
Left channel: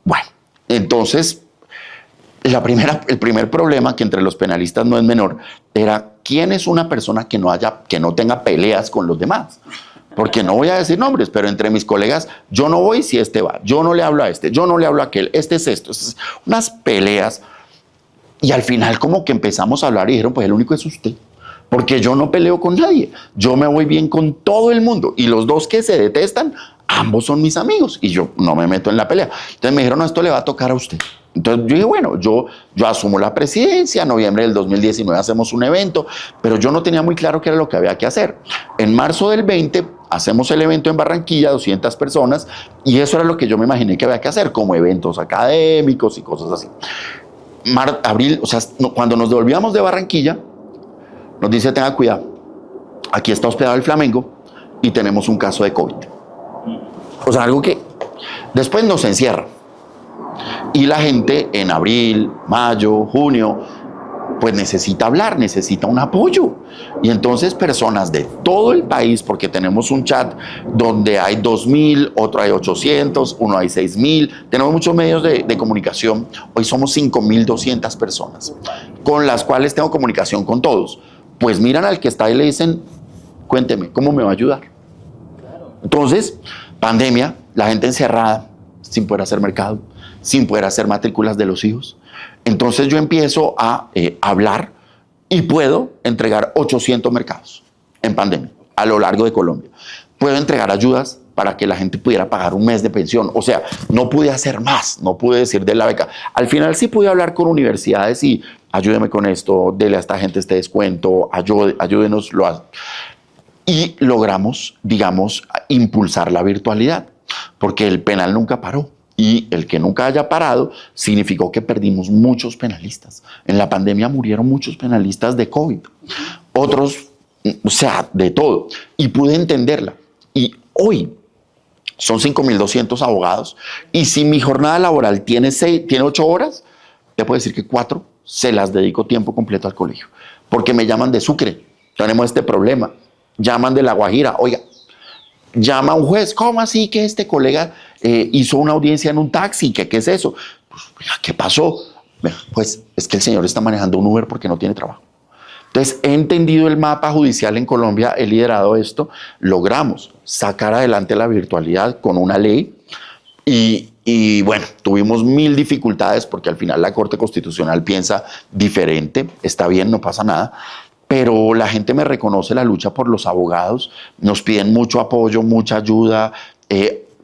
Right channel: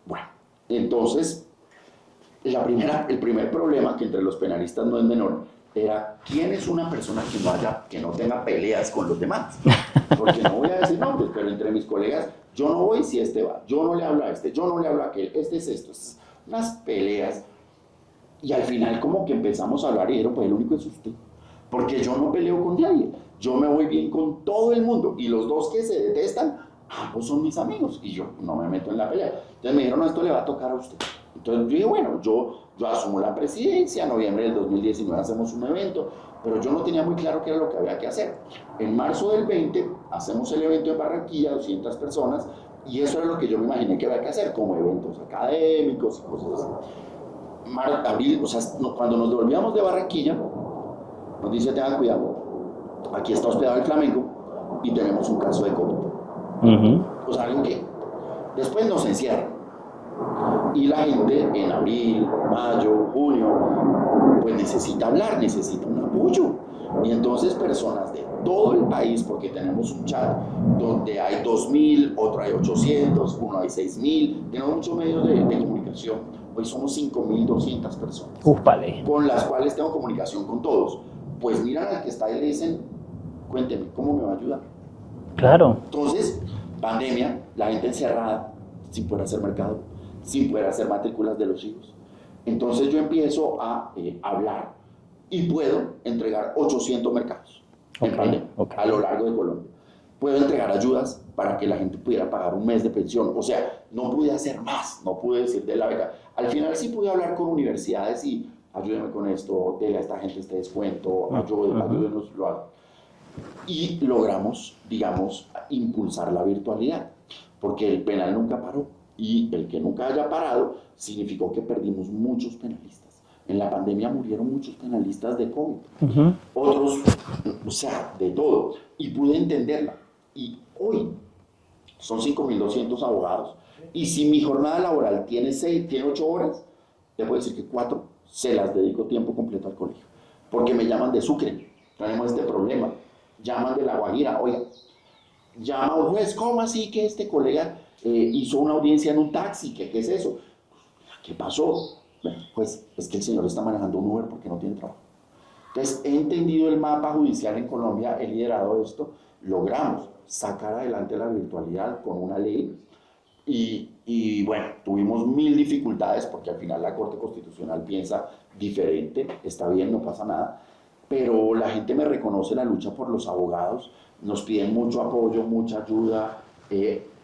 Bueno, entonces, el primer problema, que entre los penalistas no es menor, era quién es una persona que no tenga peleas con los demás. Porque no voy a decir nombres, pero entre mis colegas, yo no voy si este va, yo no le hablo a este, yo no le hablo a aquel, este es esto. Unas peleas. Y al final como que empezamos a hablar y dijeron, pues el único es usted. Porque yo no peleo con nadie, yo me voy bien con todo el mundo. Y los dos que se detestan, ambos son mis amigos y yo no me meto en la pelea. Entonces me dijeron, no, esto le va a tocar a usted. Entonces yo dije, bueno, yo asumo la presidencia, en noviembre del 2019 hacemos un evento, pero yo no tenía muy claro qué era lo que había que hacer. En marzo del 20 hacemos el evento en Barranquilla, 200 personas, y eso era lo que yo me imaginé que había que hacer, como eventos académicos y cosas así. Abril, o sea, cuando nos devolvíamos de Barranquilla, nos dice, tenga cuidado, aquí está hospedado el Flamengo y tenemos un caso de COVID. O sea, algo que después nos encierra. Y la gente en abril, mayo, junio, pues necesita hablar, necesita un apoyo. Y entonces personas de todo el país, porque tenemos un chat donde hay 2.000, otro hay 800, uno hay 6.000, tenemos muchos medios de comunicación. Hoy somos 5.200 personas, con las cuales tengo comunicación con todos. Pues miran al que está y le dicen, cuénteme, ¿cómo me va a ayudar? Claro. Entonces, pandemia, la gente encerrada, sin poder hacer mercado, sin poder hacer matrículas de los hijos. Entonces yo empiezo a hablar y puedo entregar 800 mercados en pandemia a lo largo de Colombia. Puedo entregar ayudas para que la gente pudiera pagar un mes de pensión. O sea, no pude hacer más, no pude decir de la beca. Al final sí pude hablar con universidades y ayúdeme con esto, dele a esta gente este descuento, ayúdenos. Y logramos, digamos, impulsar la virtualidad, porque el penal nunca paró. Y el que nunca haya parado significó que perdimos muchos penalistas. En la pandemia murieron muchos penalistas de COVID. Otros, o sea, de todo. Y pude entenderla. Y hoy son 5.200 abogados. Y si mi jornada laboral tiene 8 horas, te puedo decir que 4 se las dedico tiempo completo al colegio. Porque me llaman de Sucre, tenemos este problema. Llaman de La Guajira, oiga, llama a un juez, ¿cómo así que este colega hizo una audiencia en un taxi? ¿Qué es eso? Pues, ¿qué pasó? Pues es que el señor está manejando un Uber porque no tiene trabajo. Entonces, he entendido el mapa judicial en Colombia, he liderado esto, logramos sacar adelante la virtualidad con una ley y bueno, tuvimos 1.000 dificultades porque al final la Corte Constitucional piensa diferente, está bien, no pasa nada. Pero la gente me reconoce la lucha por los abogados, nos piden mucho apoyo, mucha ayuda,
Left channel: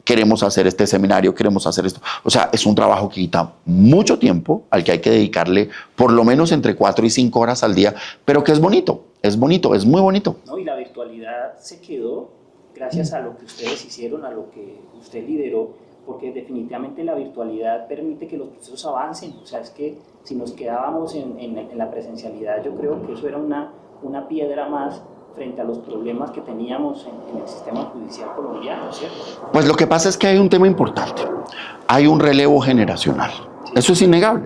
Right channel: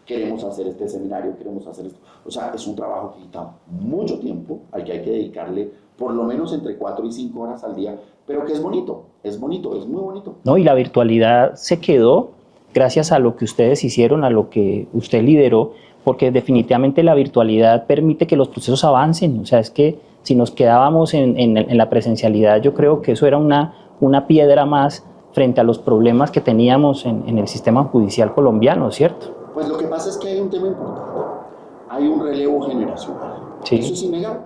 queremos hacer este seminario, queremos hacer esto. O sea, es un trabajo que quita mucho tiempo, al que hay que dedicarle por lo menos entre 4 y 5 horas al día, pero que es bonito, es muy bonito. No, y la virtualidad se quedó gracias a lo que ustedes hicieron, a lo que usted lideró, porque definitivamente la virtualidad permite que los procesos avancen. O sea, es que si nos quedábamos en la presencialidad, yo creo que eso era una piedra más frente a los problemas que teníamos en el sistema judicial colombiano, ¿cierto? Pues lo que pasa es que hay un tema importante. Hay un relevo generacional. Sí. Eso es innegable,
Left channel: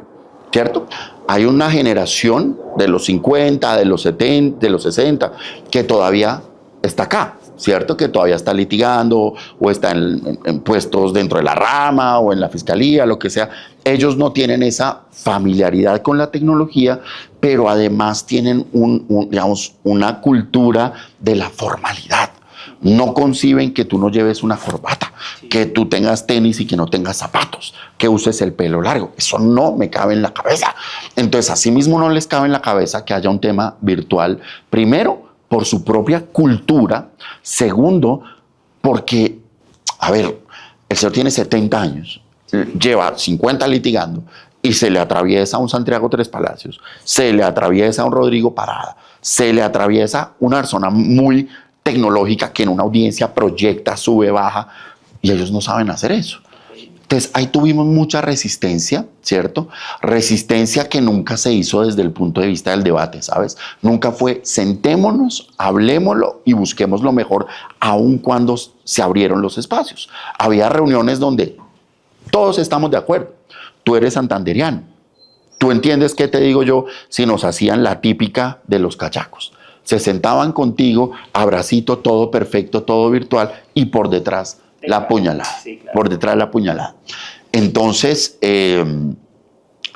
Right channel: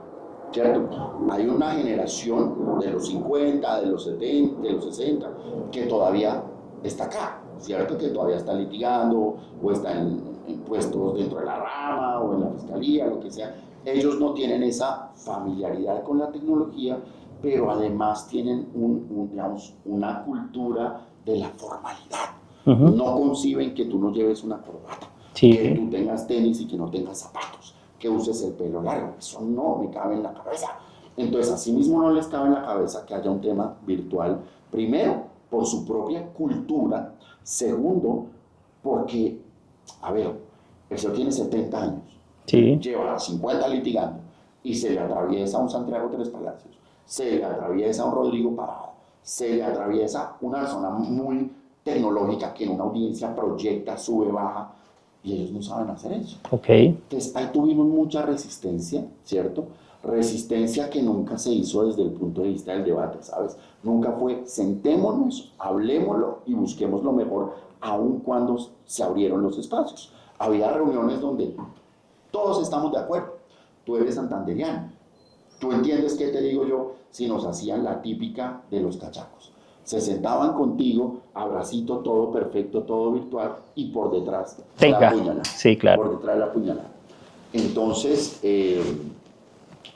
¿cierto? Hay una generación de los 50, de los 70, de los 60, que todavía está acá, ¿cierto? Que todavía está litigando o está en puestos dentro de la rama o en la fiscalía, lo que sea. Ellos no tienen esa familiaridad con la tecnología, pero además tienen digamos, una cultura de la formalidad. No conciben que tú no lleves una corbata, que tú tengas tenis y que no tengas zapatos, que uses el pelo largo. Eso no me cabe en la cabeza. Entonces, asimismo no les cabe en la cabeza que haya un tema virtual. Primero, por su propia cultura. Segundo, porque, a ver, el señor tiene 70 años, lleva 50 litigando y se le atraviesa un Santiago Tres Palacios, se le atraviesa un Rodrigo Parada, se le atraviesa una persona muy tecnológica que en una audiencia proyecta, sube, baja, y ellos no saben hacer eso. Entonces ahí tuvimos mucha resistencia, ¿cierto? Resistencia que nunca se hizo desde el punto de vista del debate, ¿sabes? Nunca fue sentémonos, hablémoslo y busquemos lo mejor, aun cuando se abrieron los espacios. Había reuniones donde todos estamos de acuerdo. Tú eres santandereano. ¿Tú entiendes qué te digo yo si nos hacían la típica de los cachacos? Se sentaban contigo, abracito, todo perfecto, todo virtual, y por detrás la puñalada. Sí, claro. Por detrás la puñalada. Entonces,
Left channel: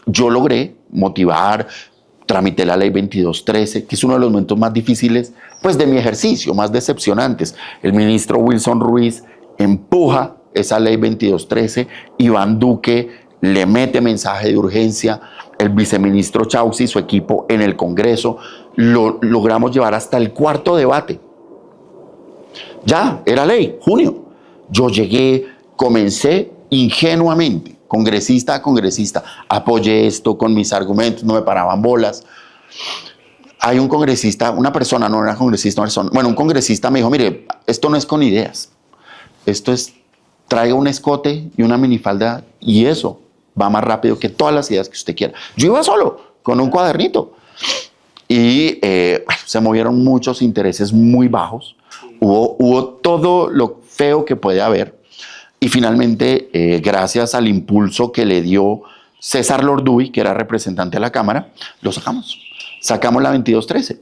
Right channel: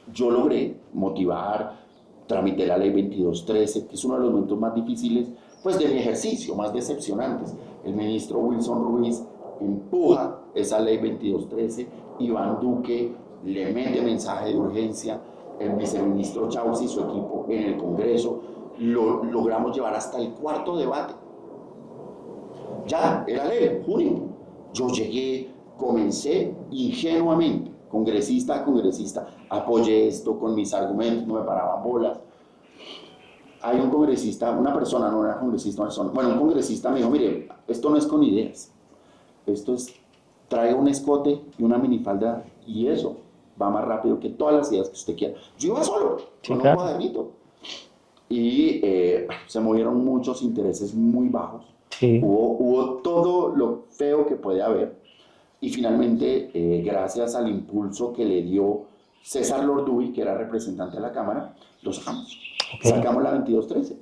yo logré motivar, tramité la ley 2213, que es uno de los momentos más difíciles pues, de mi ejercicio, más decepcionantes. El ministro Wilson Ruiz empuja esa ley 2213, Iván Duque le mete mensaje de urgencia, el viceministro Chauzi y su equipo en el Congreso, lo logramos llevar hasta el cuarto debate. Ya, era ley, junio. Yo llegué, comencé ingenuamente, congresista a congresista, apoyé esto con mis argumentos, no me paraban bolas. Hay un congresista, una persona, no era congresista, una persona, bueno, un congresista me dijo, mire, esto no es con ideas, esto es, traiga un escote y una minifalda y eso va más rápido que todas las ideas que usted quiera. Yo iba solo, con un cuadernito. Y se movieron muchos intereses muy bajos. Sí. Hubo todo lo feo que puede haber. Y finalmente, gracias al impulso que le dio César Lorduy, que era representante de la Cámara, lo sacamos. Okay. Sacamos la 2213.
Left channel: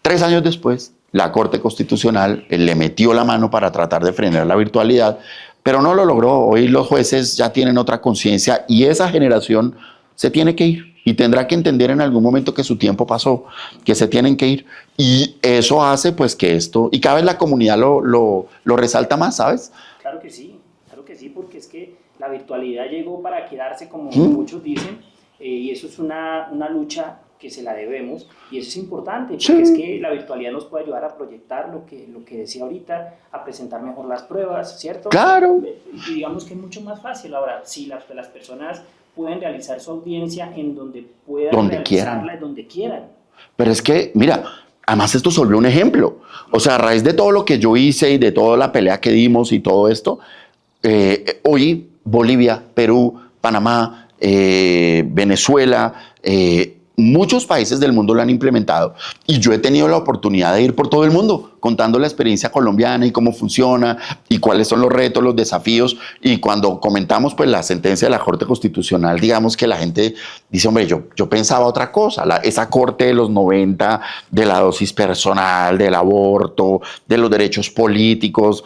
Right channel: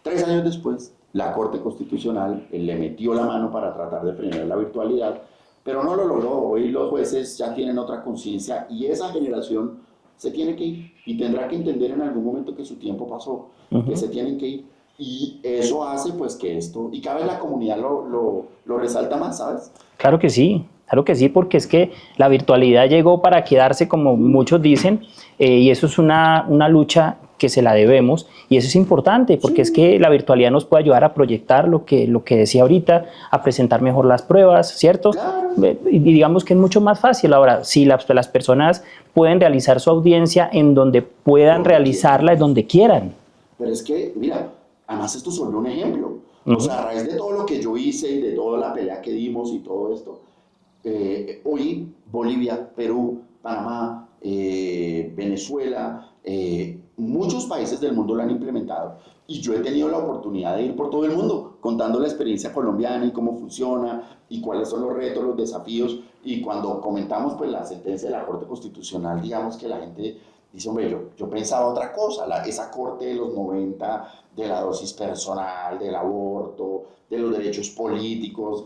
3 años después, la Corte Constitucional le metió la mano para tratar de frenar la virtualidad, pero no lo logró. Hoy los jueces ya tienen otra conciencia y esa generación se tiene que ir y tendrá que entender en algún momento que su tiempo pasó, que se tienen que ir. Y eso hace pues que esto, y cada vez la comunidad lo resalta más, ¿sabes? Claro que sí, porque es que la virtualidad llegó para quedarse, como muchos dicen, y eso es una lucha que se la debemos, y eso es importante, porque es que la virtualidad nos puede ayudar a proyectar lo que decía ahorita, a presentar mejor las pruebas, ¿cierto? Claro. Y digamos que es mucho más fácil. Ahora, si las personas pueden realizar su audiencia en donde puedan realizarla, donde quieran. Pero es que, mira, además esto se volvió un ejemplo. O sea, a raíz de todo lo que yo hice y de toda la pelea que dimos y todo esto, hoy Bolivia, Perú, Panamá, Venezuela, muchos países del mundo lo han implementado y yo he tenido la oportunidad de ir por todo el mundo contando la experiencia colombiana y cómo funciona y cuáles son los retos, los desafíos. Y cuando comentamos pues la sentencia de la Corte Constitucional, digamos que la gente dice, hombre, yo pensaba otra cosa, esa Corte de los 90, de la dosis personal, del aborto, de los derechos políticos,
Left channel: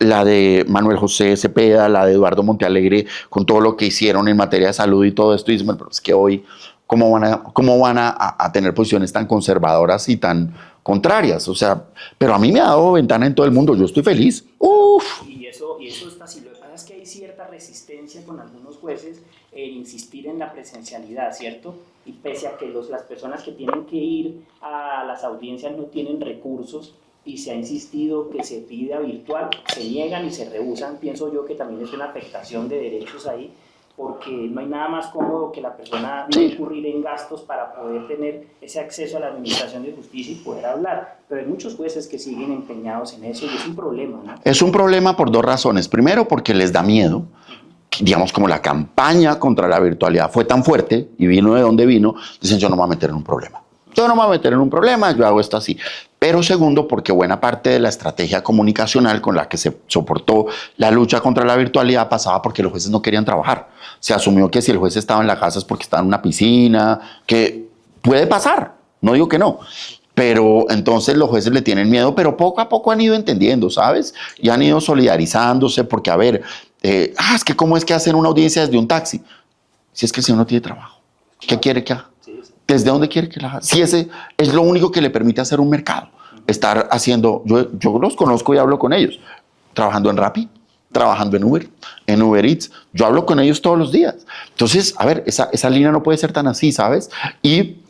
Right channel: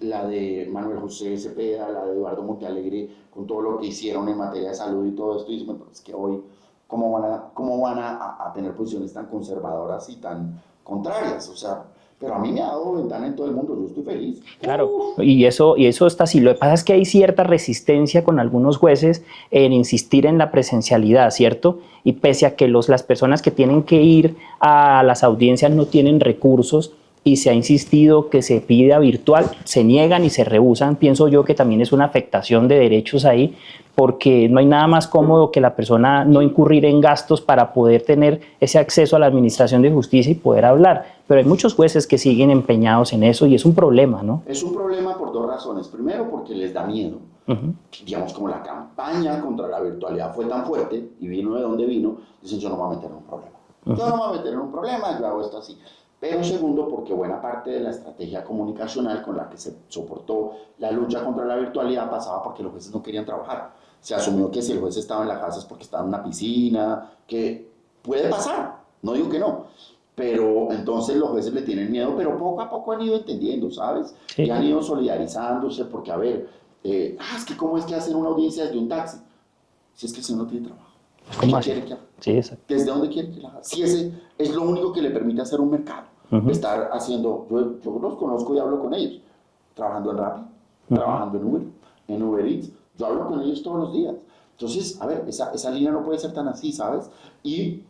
la de Manuel José Cepeda, la de Eduardo Montealegre, con todo lo que hicieron en materia de salud y todo esto, y dicen, bueno, pero es que hoy ¿cómo van a tener posiciones tan conservadoras y tan contrarias? O sea, pero a mí me ha dado ventana en todo el mundo, yo estoy feliz. Claro, y eso está así. Lo que pasa es que hay cierta resistencia con algunos jueces en insistir en la presencialidad, ¿cierto? Y pese a que las personas que tienen que ir a las audiencias no tienen recursos y se ha insistido que se pida virtual, se niegan y se rehúsan. Pienso yo que también es una afectación de derechos ahí. porque no hay nada más cómodo que la persona no incurrir en gastos para poder tener ese acceso a la administración de justicia y poder hablar. Pero hay muchos jueces que siguen empeñados en eso y es un problema, ¿no? Es un problema por dos razones. Primero, porque les da miedo. Digamos, como la campaña contra la virtualidad fue tan fuerte y vino de donde vino, dicen, yo no me voy a meter en un problema. Yo no me voy a meter en un problema, yo hago esto así. Pero segundo, porque buena parte de la estrategia comunicacional con la que se soportó la lucha contra la virtualidad pasaba porque los jueces no querían trabajar. Se asumió que si el juez estaba en la casa es porque estaba en una piscina, que puede pasar, no digo que no. Pero entonces los jueces le tienen miedo, pero poco a poco han ido entendiendo, ¿sabes? Sí. Y han ido solidarizándose porque, a ver, es que ¿cómo es que hacen una audiencia desde un taxi? Si es que el señor no tiene trabajo. ¿Qué quiere que haga? Sí, ¿desde dónde quiere que la haga? Si ese es lo único que le permite hacer un mercado. Estar haciendo, yo los conozco y hablo con ellos, trabajando en Rappi, trabajando en Uber Eats. Yo hablo con ellos todos los días. Entonces, a ver, esa línea no puede ser tan así, ¿sabes? Y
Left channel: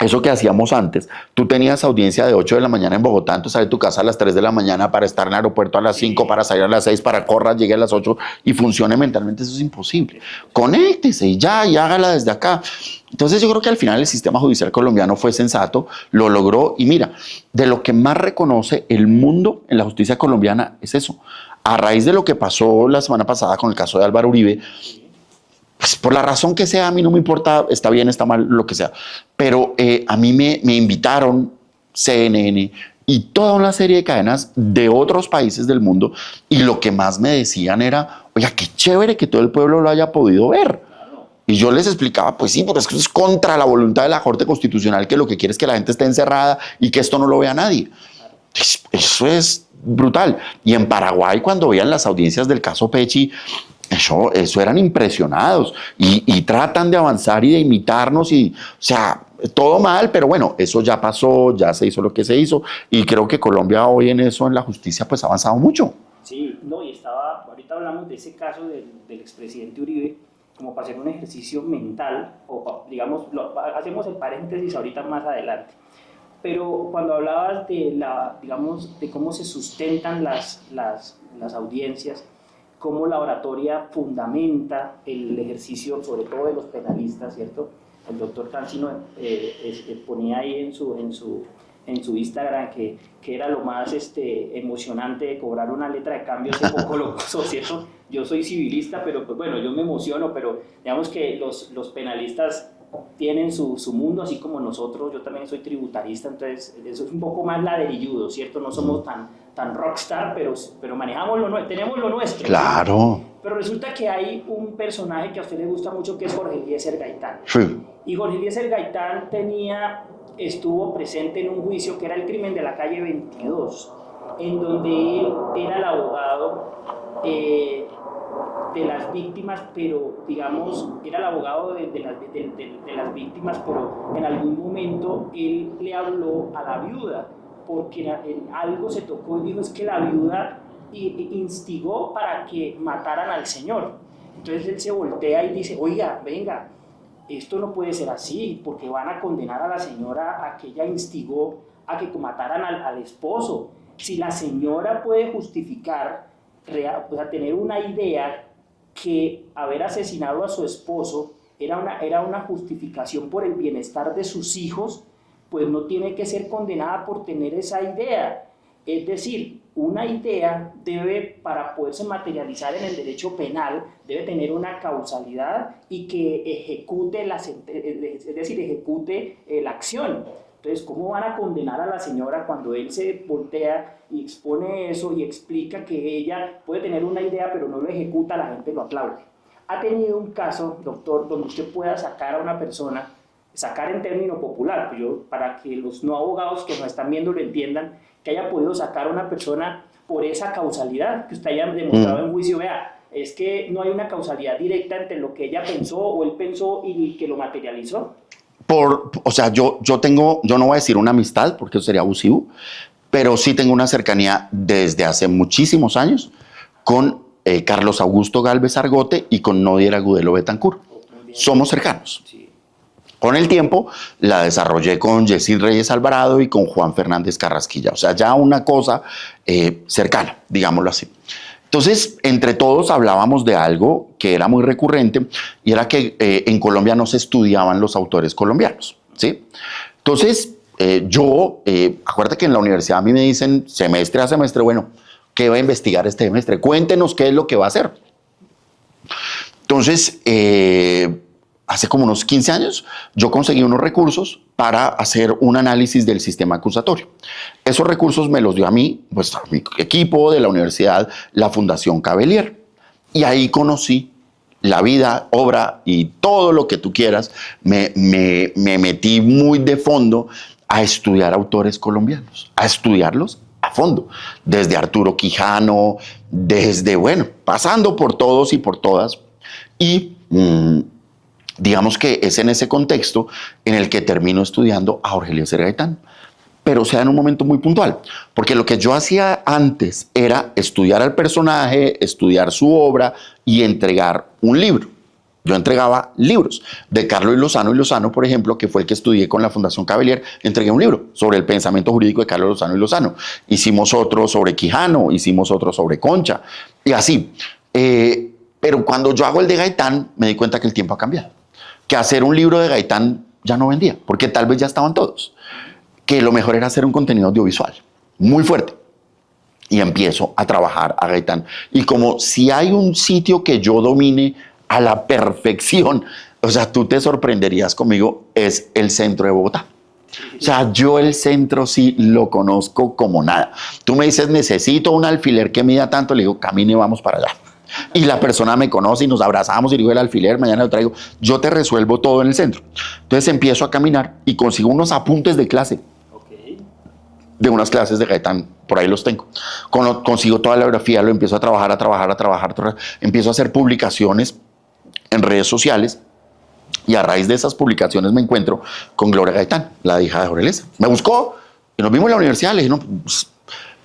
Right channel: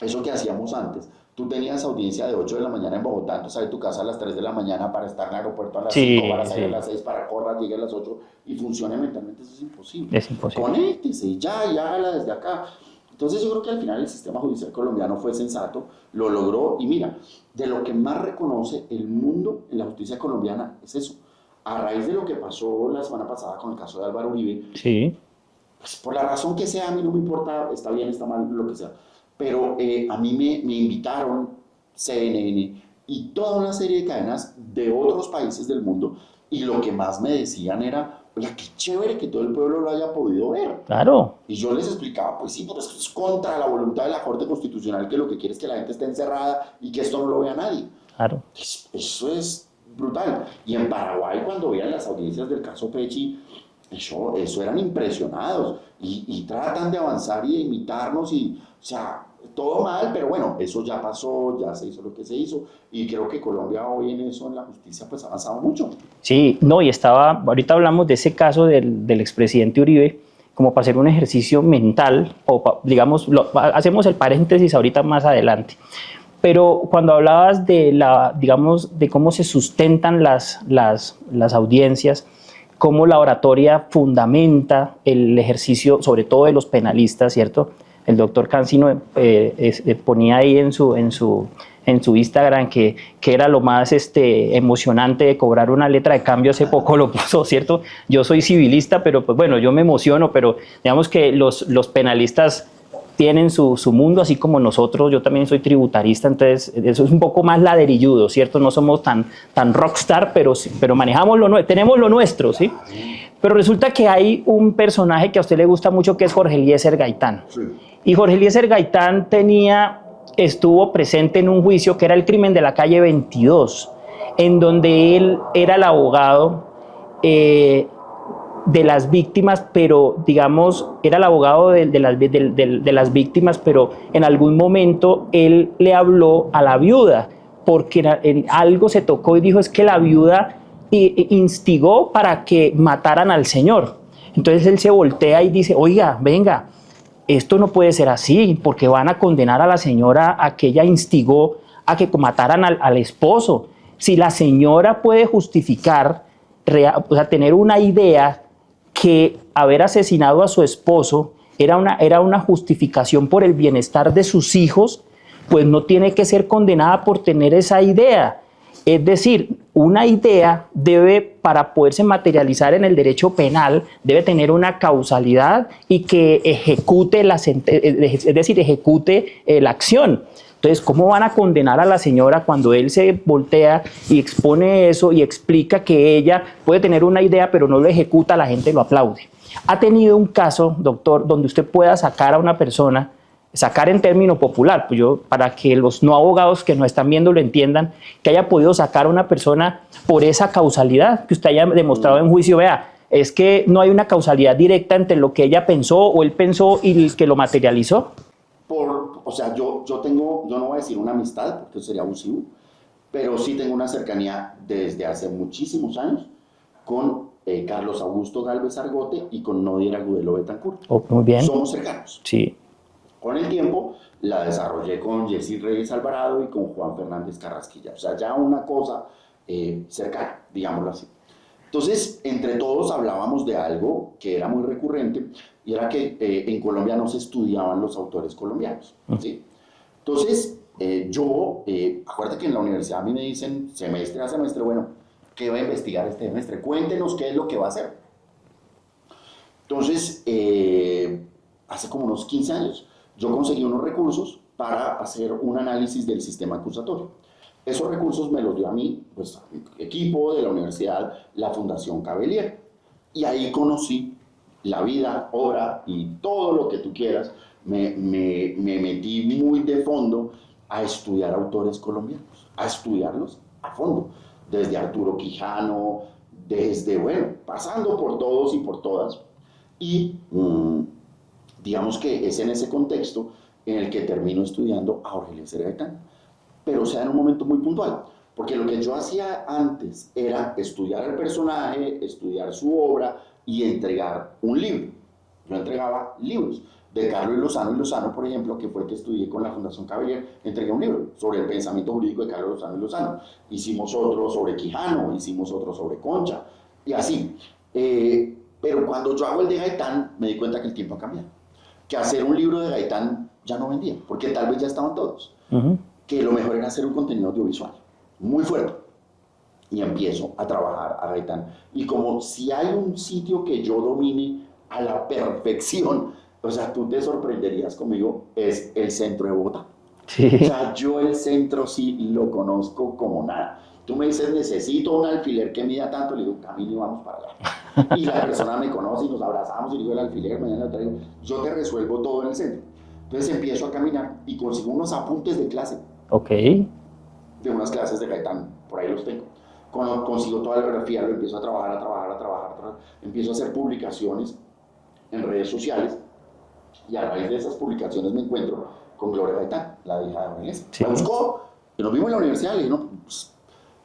eso que hacíamos antes, tú tenías audiencia de 8 de la mañana en Bogotá, entonces sale de tu casa a las 3 de la mañana para estar en el aeropuerto a las 5, para salir a las 6, para correr, llegue a las 8 y funcione mentalmente. Eso es imposible. Conéctese y ya, y hágala desde acá. Entonces yo creo que al final el sistema judicial colombiano fue sensato, lo logró y mira, de lo que más reconoce el mundo en la justicia colombiana es eso. A raíz de lo que pasó la semana pasada con el caso de Álvaro Uribe, pues por la razón que sea, a mí no me importa, está bien, está mal, lo que sea. Pero a mí me invitaron CNN y toda una serie de cadenas de otros países del mundo y lo que más me decían era, oiga, qué chévere que todo el pueblo lo haya podido ver. Claro. Y yo les explicaba, pues sí, porque es que es contra la voluntad de la Corte Constitucional, que lo que quiere es que la gente esté encerrada y que esto no lo vea nadie. Claro. Eso es brutal. Y en Paraguay, cuando veían las audiencias del caso Pechi, eso eran impresionados y tratan de avanzar y de imitarnos y, o sea, todo mal, pero bueno, eso ya pasó, ya se hizo lo que se hizo y creo que Colombia hoy en eso, en la justicia, pues ha avanzado mucho. Sí, no, y ahorita hablamos de ese caso del expresidente Uribe, como para hacer un ejercicio mental, o digamos, hacemos el paréntesis ahorita más adelante. Pero cuando hablabas digamos, de cómo se sustentan las audiencias, cómo la oratoria fundamenta el ejercicio, sobre todo de los penalistas, ¿cierto? El doctor Cancino ponía ahí en su Instagram que era lo más emocionante de cobrar una letra de cambio, hace poco lo puso, ¿cierto? Yo soy civilista, pero pues bueno, yo me emociono, pero digamos que los penalistas tienen su mundo, así como nosotros. Yo también soy tributarista, entonces eso es un poco más ladrilludo, ¿cierto? No somos tan rockstar, pero manejamos tenemos lo nuestro, claro. ¿sí? Pero resulta que hay un personaje que a usted le gusta mucho, que es Jorge Eliezer Gaitán. Sí. Y Jorge Eliezer Gaitán estuvo presente en un juicio que era el crimen de la calle 22, en donde él era el abogado de las víctimas, pero digamos, era el abogado de las víctimas, pero en algún momento él le habló a la viuda, porque en algo se tocó y dijo, es que la viuda instigó para que mataran al señor. Entonces él se voltea y dice, oiga, venga, esto no puede ser así, porque van a condenar a la señora a que ella instigó a que mataran al esposo. Si la señora puede justificar, o sea, tener una idea que haber asesinado a su esposo era una justificación por el bienestar de sus hijos, pues no tiene que ser condenada por tener esa idea. Es decir, una idea debe, para poderse materializar en el derecho penal, debe tener una causalidad y que ejecute la acción. Entonces, ¿cómo van a condenar a la señora cuando él se voltea y expone eso y explica que ella puede tener una idea pero no lo ejecuta? La gente lo aplaude. ¿Ha tenido un caso, doctor, donde usted pueda sacar a una persona, sacar en término popular, pues para que los no abogados que nos están viendo lo entiendan, que haya podido sacar a una persona por esa causalidad que usted haya demostrado en juicio? Vea, es que no hay una causalidad directa entre lo que ella pensó o él pensó y el que lo materializó. O sea, yo no voy a decir una amistad porque eso sería abusivo, pero sí tengo una cercanía desde hace muchísimos años con Carlos Augusto Gálvez Argote y con Nodier Agudelo Betancourt. Muy bien. Somos cercanos. Sí. Con el tiempo la desarrollé con Yesid Reyes Alvarado y con Juan Fernández Carrasquilla. O sea, ya una cosa cercana, digámoslo así. Entonces, entre todos hablábamos de algo que era muy recurrente y era que en Colombia no se estudiaban los autores colombianos, ¿sí? Entonces, acuérdate que en la universidad a mí me dicen semestre a semestre, bueno, ¿qué va a investigar este semestre? Cuéntenos qué es lo que va a hacer. Entonces, hace como unos 15 años, yo conseguí unos recursos para hacer un análisis del sistema acusatorio. Esos recursos me los dio a mí, pues a mi equipo de la universidad, la Fundación Cavelier. Y ahí conocí la vida, obra y todo lo que tú quieras. Me metí muy de fondo a estudiar autores colombianos, a estudiarlos a fondo, desde Arturo Quijano, pasando por todos y por todas. Y digamos que es en ese contexto en el que termino estudiando a Jorge Eliezer Gaitán, pero sea en un momento muy puntual, porque lo que yo hacía antes era estudiar al personaje, estudiar su obra y entregar un libro. Yo entregaba libros de Carlos Lozano y Lozano, por ejemplo, que fue el que estudié con la Fundación Cavelier. Entregué un libro sobre el pensamiento jurídico de Carlos Lozano y Lozano. Hicimos otro sobre Quijano, hicimos otro sobre Concha y así. Pero cuando yo hago el de Gaitán, me di cuenta que el tiempo ha cambiado. Que hacer un libro de Gaitán ya no vendía, porque tal vez ya estaban todos. Que lo mejor era hacer un contenido audiovisual muy fuerte. Y empiezo a trabajar a Gaitán. Y como si hay un sitio que yo domine a la perfección, o sea, tú te sorprenderías conmigo, es el centro de Bogotá. Sí. O sea, yo el centro sí lo conozco como nada. Tú me dices, necesito un alfiler que mida tanto, le digo, camine, vamos para allá. Y la persona me conoce y nos abrazamos y digo, el alfiler, mañana lo traigo. Yo te resuelvo todo en el centro. Entonces empiezo a caminar y consigo unos apuntes de clase. Ok. De unas clases de Gaitán, por ahí los tengo. Consigo toda la biografía, lo empiezo a trabajar. Empiezo a hacer publicaciones en redes sociales. Y a raíz de esas publicaciones me encuentro con Gloria Gaitán, la hija de Jorge Eliezer. Sí. Me buscó y nos vimos en la universidad, le dije, no, pues,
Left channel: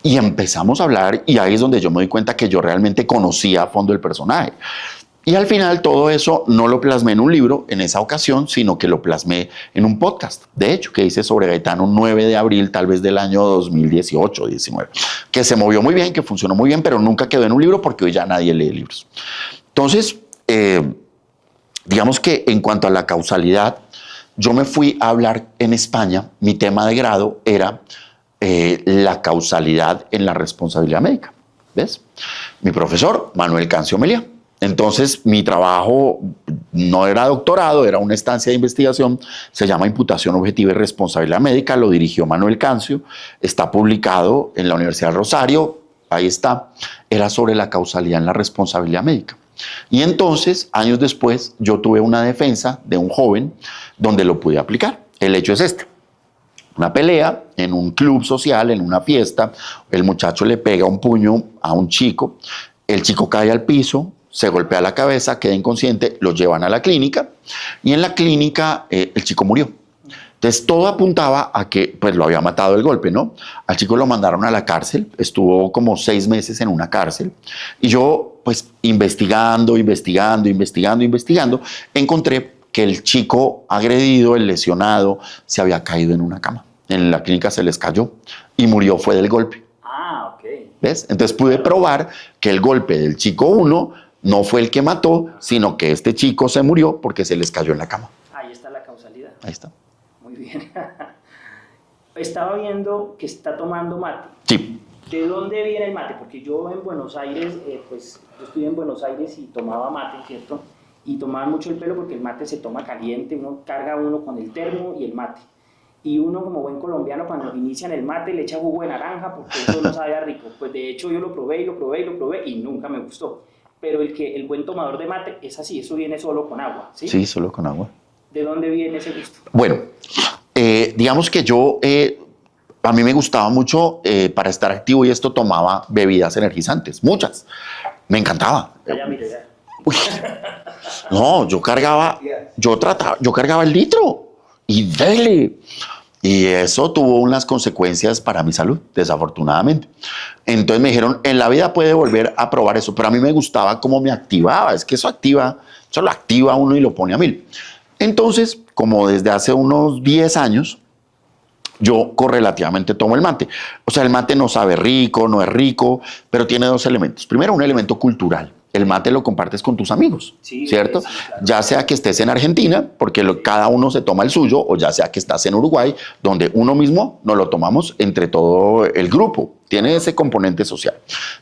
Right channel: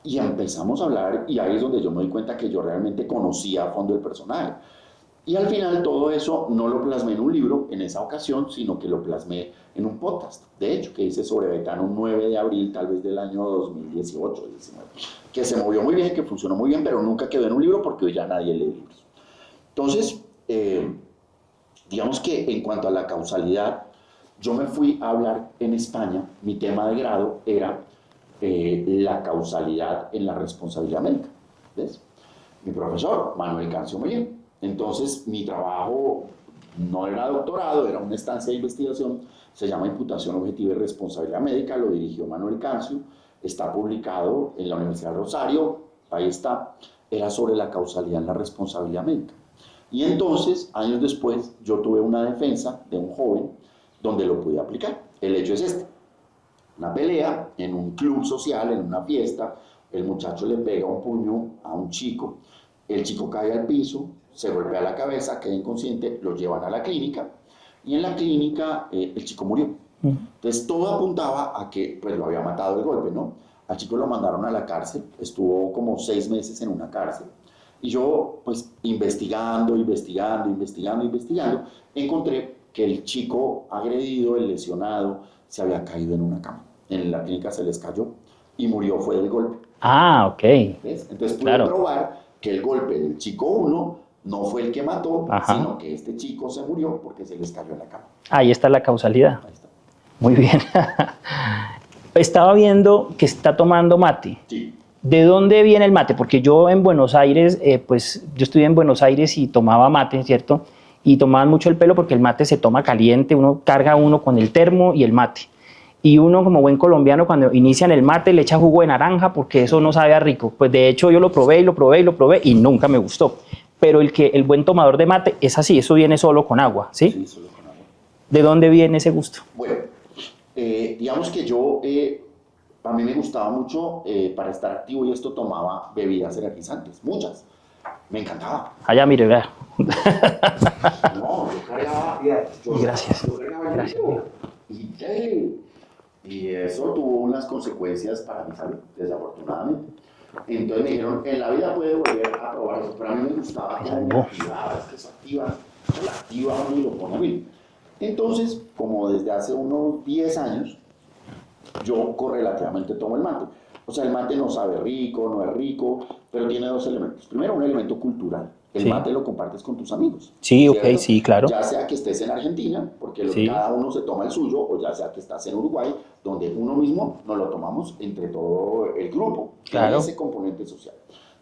y empezamos a hablar y ahí es donde yo me doy cuenta que yo realmente conocía a fondo el personaje. Y al final todo eso no lo plasmé en un libro en esa ocasión, sino que lo plasmé en un podcast, de hecho, que hice sobre Gaitán un 9 de abril tal vez del año 2018 19, que se movió muy bien, que funcionó muy bien, pero nunca quedó en un libro porque hoy ya nadie lee libros. Entonces, digamos que en cuanto a la causalidad, yo me fui a hablar en España, mi tema de grado era la causalidad en la responsabilidad médica, ¿ves? Mi profesor, Manuel Cancio Meliá. Entonces, mi trabajo no era doctorado, era una estancia de investigación, se llama Imputación Objetiva y Responsabilidad Médica, lo dirigió Manuel Cancio, está publicado en la Universidad del Rosario, ahí está, era sobre la causalidad en la responsabilidad médica. Y entonces, años después, yo tuve una defensa de un joven donde lo pude aplicar. El hecho es este. Una pelea en un club social, en una fiesta, el muchacho le pega un puño a un chico, el chico cae al piso, se golpea la cabeza, queda inconsciente, lo llevan a la clínica y en la clínica el chico murió. Entonces todo apuntaba a que pues lo había matado el golpe, ¿no? Al chico lo mandaron a la cárcel, estuvo como 6 meses en una cárcel y yo pues investigando, encontré que el chico agredido, el lesionado, se había caído en una cama. En la clínica se les cayó y murió fue del golpe. Ah, ok. ¿Ves? Entonces pude probar que el golpe del chico 1 no fue el que mató, sino que este chico se murió porque se les cayó en la cama. Ahí está la causalidad. Ahí está. Muy bien. Estaba viendo que está tomando mate. Sí. ¿De dónde viene el mate? Porque yo en Buenos Aires, pues yo estudié en Buenos Aires y tomaba mate, ¿cierto? Y tomaban mucho el pelo porque el mate se toma caliente, uno carga con el termo y el mate. Y uno como buen colombiano cuando inician el mate le echa jugo de naranja porque eso no sabe a rico. Pues de hecho yo lo probé y nunca me gustó. Pero el buen tomador de mate es así, eso viene solo con agua, ¿sí? Sí, solo con agua. ¿De dónde viene ese gusto? Bueno, digamos que yo, a mí me gustaba mucho, para estar activo y esto, tomaba bebidas energizantes, muchas. Me encantaba. Allá, mire, vea. No, yo cargaba el litro y dele. Y eso tuvo unas consecuencias para mi salud, desafortunadamente. Entonces me dijeron, en la vida puede volver a probar eso, pero a mí me gustaba cómo me activaba. Es que eso lo activa a uno y lo pone a 1000. Entonces, como desde hace unos 10 años, yo correlativamente tomo el mate. O sea, el mate no sabe rico, no es rico, pero tiene dos elementos. Primero, un elemento cultural. El mate lo compartes con tus amigos, Sí, ¿cierto? ok, sí, claro. Ya sea que estés en Argentina, porque Sí. cada uno se toma el suyo, o ya sea que estás en Uruguay, donde uno mismo nos lo tomamos entre todo el grupo. Tiene Claro. ese componente social.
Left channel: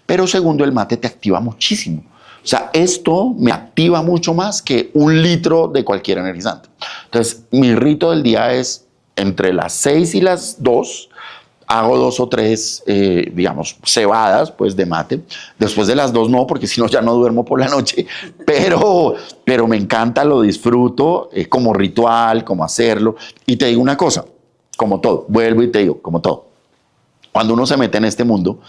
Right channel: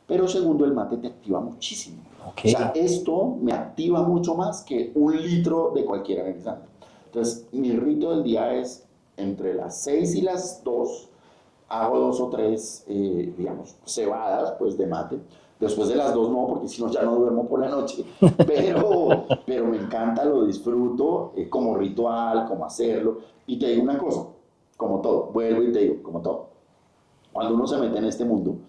Pero segundo, el mate te activa muchísimo. Ok. O sea, esto me activa mucho más que 1 litro de cualquier energizante. Entonces, mi rito del día es entre las 6 y las 2, hago 2 o 3, digamos, cebadas pues, de mate. Después de las 2 no, porque si no ya no duermo por la noche, pero me encanta, lo disfruto como ritual, como hacerlo. Y te digo una cosa, como todo, vuelvo y te digo, como todo. Cuando uno se mete en este mundo,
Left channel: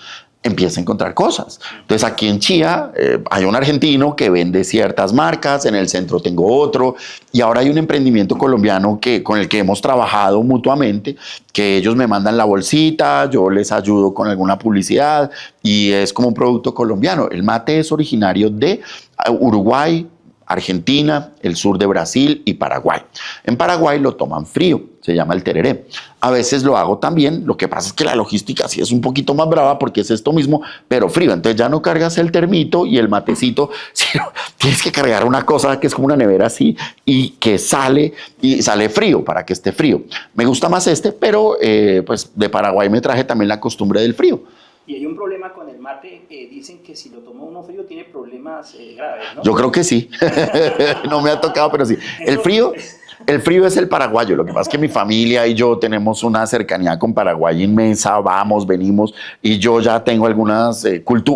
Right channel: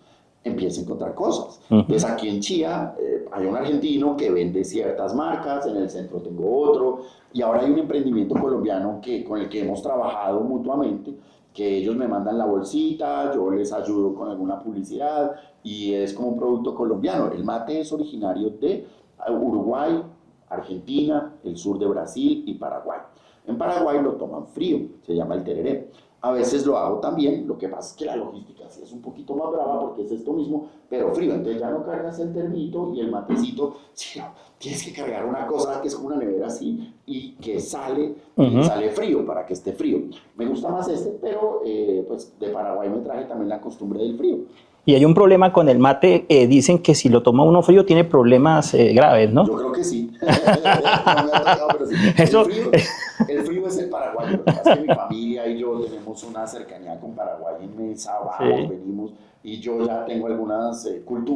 empieza a encontrar cosas. Entonces aquí en Chía hay un argentino que vende ciertas marcas, en el centro tengo otro, y ahora hay un emprendimiento colombiano con el que hemos trabajado mutuamente, que ellos me mandan la bolsita, yo les ayudo con alguna publicidad, y es como un producto colombiano. El mate es originario de Uruguay, Argentina, el sur de Brasil y Paraguay. En Paraguay lo toman frío, se llama el tereré. A veces lo hago también, lo que pasa es que la logística sí es un poquito más brava porque es esto mismo, pero frío. Entonces ya no cargas el termito y el matecito, sino tienes que cargar una cosa que es como una nevera así y que sale y sale frío para que esté frío. Me gusta más este, pero pues de Paraguay me traje también la costumbre del frío. Y hay un problema con el mate, dicen que si lo toma uno frío tiene problemas graves, ¿no? Yo creo que sí. No me ha tocado, pero sí. El frío es el paraguayo. Lo que pasa es que mi familia y yo tenemos una cercanía con Paraguay inmensa. Vamos, Sí. venimos. Y yo ya tengo algunas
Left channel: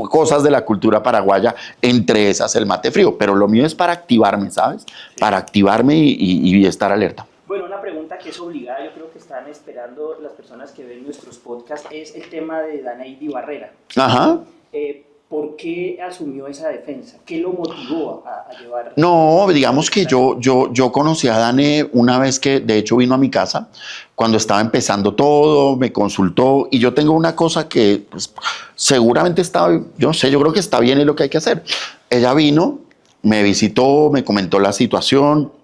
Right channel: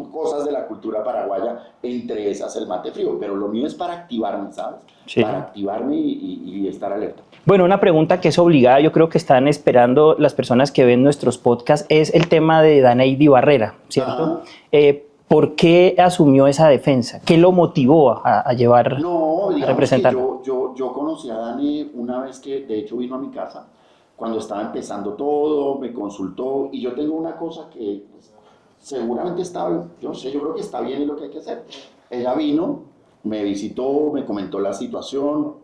cosas de la cultura paraguaya, entre esas el mate frío. Pero lo mío es para activarme, ¿sabes? Sí. Para activarme y estar alerta. Bueno, una pregunta que es obligada, yo creo que están esperando las personas que ven nuestros podcasts, es el tema de Daneidi Barrera, ¿cierto? Ajá. ¿Por qué asumió esa defensa? ¿Qué lo motivó a llevar? No, digamos que representar? yo conocí a Dane una vez que de hecho vino a mi casa, cuando estaba empezando todo, me consultó y yo tengo una cosa que pues, seguramente está, yo no sé, yo creo que está bien y lo que hay que hacer. Ella vino, me visitó, me comentó la situación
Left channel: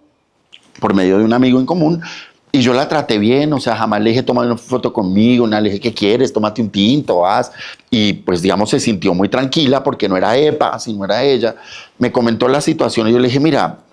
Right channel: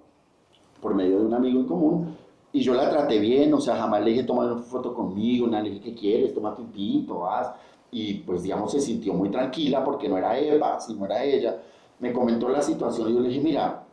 por medio de un amigo en común y yo la traté bien, o sea, jamás le dije, toma una foto conmigo, nada, le dije, ¿qué quieres? Tómate un tinto, haz. Y pues, digamos, se sintió muy tranquila porque no era EPA, sino era ella. Me comentó la situación y yo le dije, mira,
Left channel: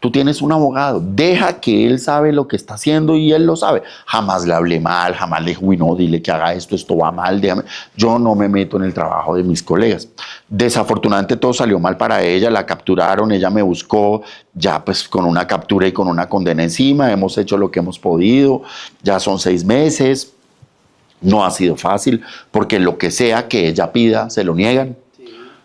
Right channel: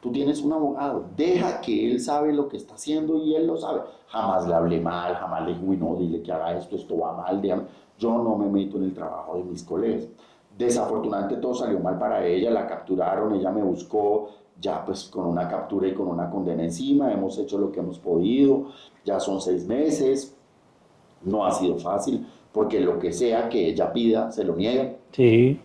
tú tienes un abogado, deja que él sabe lo que está haciendo y él lo sabe. Jamás le hablé mal, jamás le dije, uy, no, dile que haga esto va mal, déjame. Yo no me meto en el trabajo de mis colegas. Desafortunadamente todo salió mal para ella, la capturaron, ella me buscó, ya pues con una captura y con una condena encima, hemos hecho lo que hemos podido, ya son 6 meses, no ha sido fácil, porque lo que sea que ella pida, se lo niegan. Sí.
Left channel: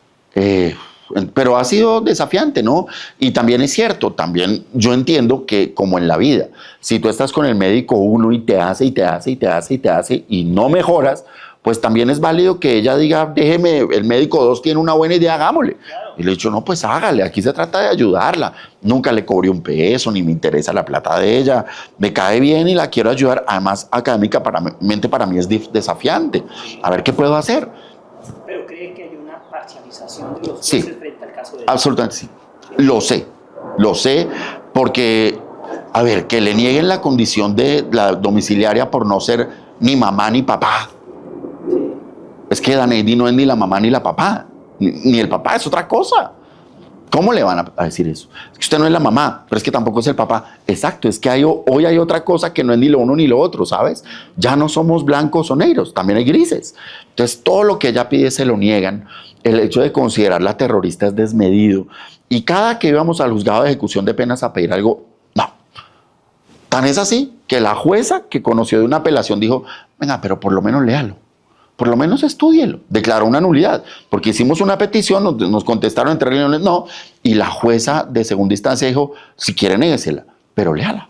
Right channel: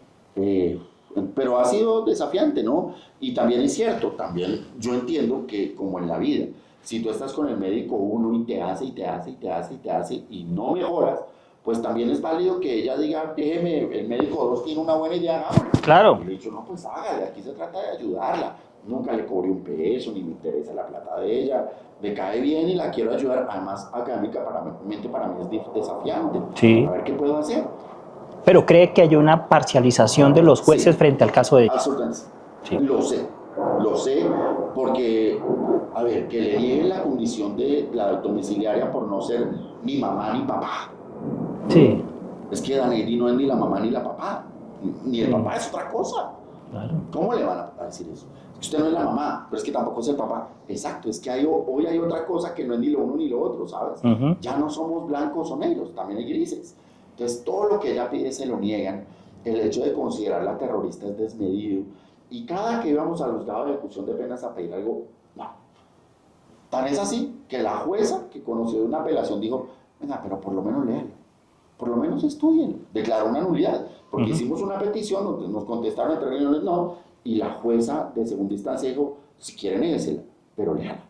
Pero ha sido desafiante, ¿no? Y también es cierto, también yo entiendo que como en la vida, si tú estás con el médico uno y te hace y te hace y te hace y te hace y no mejoras, pues también es válido que ella diga, déjeme, el médico 2 tiene una buena idea, hagámosle. Claro. Y le he dicho, no, pues hágale, aquí se trata de ayudarla. Nunca le cobré un peso, ni me interesa la plata de ella. Me cae bien y la quiero ayudar. Además, académicamente para mí es desafiante. Sí. A ver qué puedo hacer. Pero cree que hay una parcialización de los jueces Sí. frente al caso de ella. Absolutamente sí. Sí. Lo sé, porque, a ver, que le nieguen la condición de la domiciliaria por no ser ni mamá ni papá. Sí. Es que Daneidi no es ni la mamá ni la papá, ni el papá, es otra cosa. Claro. ¿Cómo le van a decir eso? Es que usted no es la mamá, pero es que tampoco es el papá. Exacto, es que hoy hay otra cosa que no es ni lo uno ni lo otro, ¿sabes? Ya no somos blancos o negros, también hay grises. Entonces, todo lo que ella pide se lo niegan. El hecho de considerarla terrorista es desmedido. Y cada que íbamos al juzgado de ejecución de penas a pedir algo, no. Tan es así que la jueza que conoció de una apelación dijo, venga, pero por lo menos léalo. Por lo menos estúdielo. Declaró una nulidad, porque hicimos una petición, nos contestaron en 3 reuniones, no, y la jueza de segunda instancia dijo, si quiere néguesela, pero léala,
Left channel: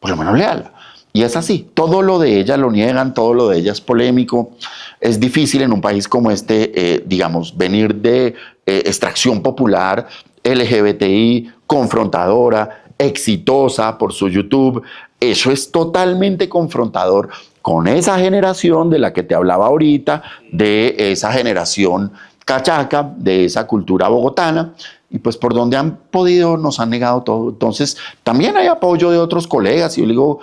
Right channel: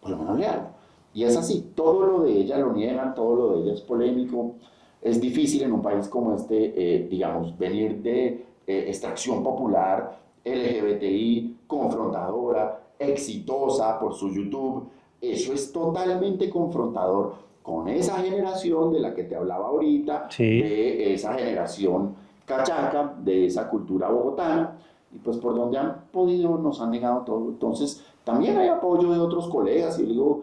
por lo menos léala. Y es así, todo lo de ella lo niegan, todo lo de ella es polémico. Es difícil en un país como este, digamos, venir de extracción popular, LGBTI, confrontadora, exitosa por su YouTube. Eso es totalmente confrontador con esa generación de la que te hablaba ahorita, Sí. de esa generación cachaca, de esa cultura bogotana, y pues por donde han podido nos han negado todo. Entonces, también hay apoyo de otros colegas, y yo le digo,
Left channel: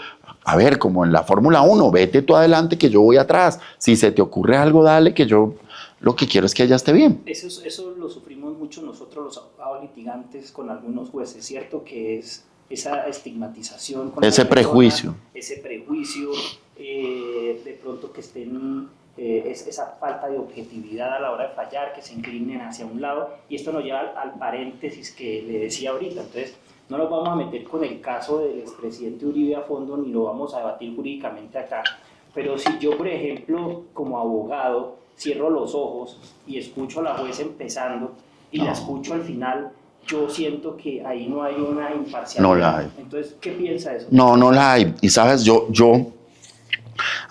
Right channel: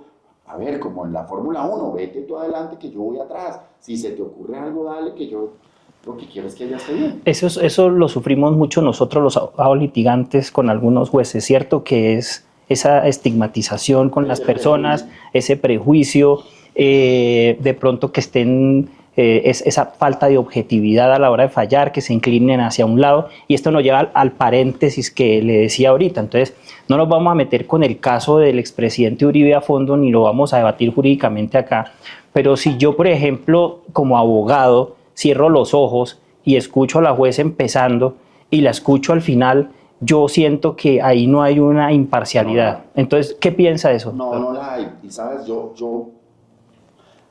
a ver, como en la Fórmula 1, vete tú adelante que yo voy atrás. Si se te ocurre algo, dale, que yo lo que quiero es que ella esté bien. Eso lo sufrimos mucho nosotros los abogados litigantes con algunos jueces, ¿cierto? Que es esa estigmatización con Ese las personas, prejuicio. ese prejuicio, de pronto que estén, esa falta de objetividad a la hora de fallar, que se inclinen hacia un lado, y esto nos lleva al paréntesis que le decía ahorita. Entonces, no nos vamos a meter con el caso del expresidente Uribe a fondo, ni lo vamos a debatir jurídicamente acá, pero si yo, por ejemplo, como abogado, cierro los ojos y escucho a la jueza empezando y la escucho al final, yo siento que ahí no hay una imparcialidad. No la hay. Entonces, ¿qué piensa de eso? No la hay. Y sabes,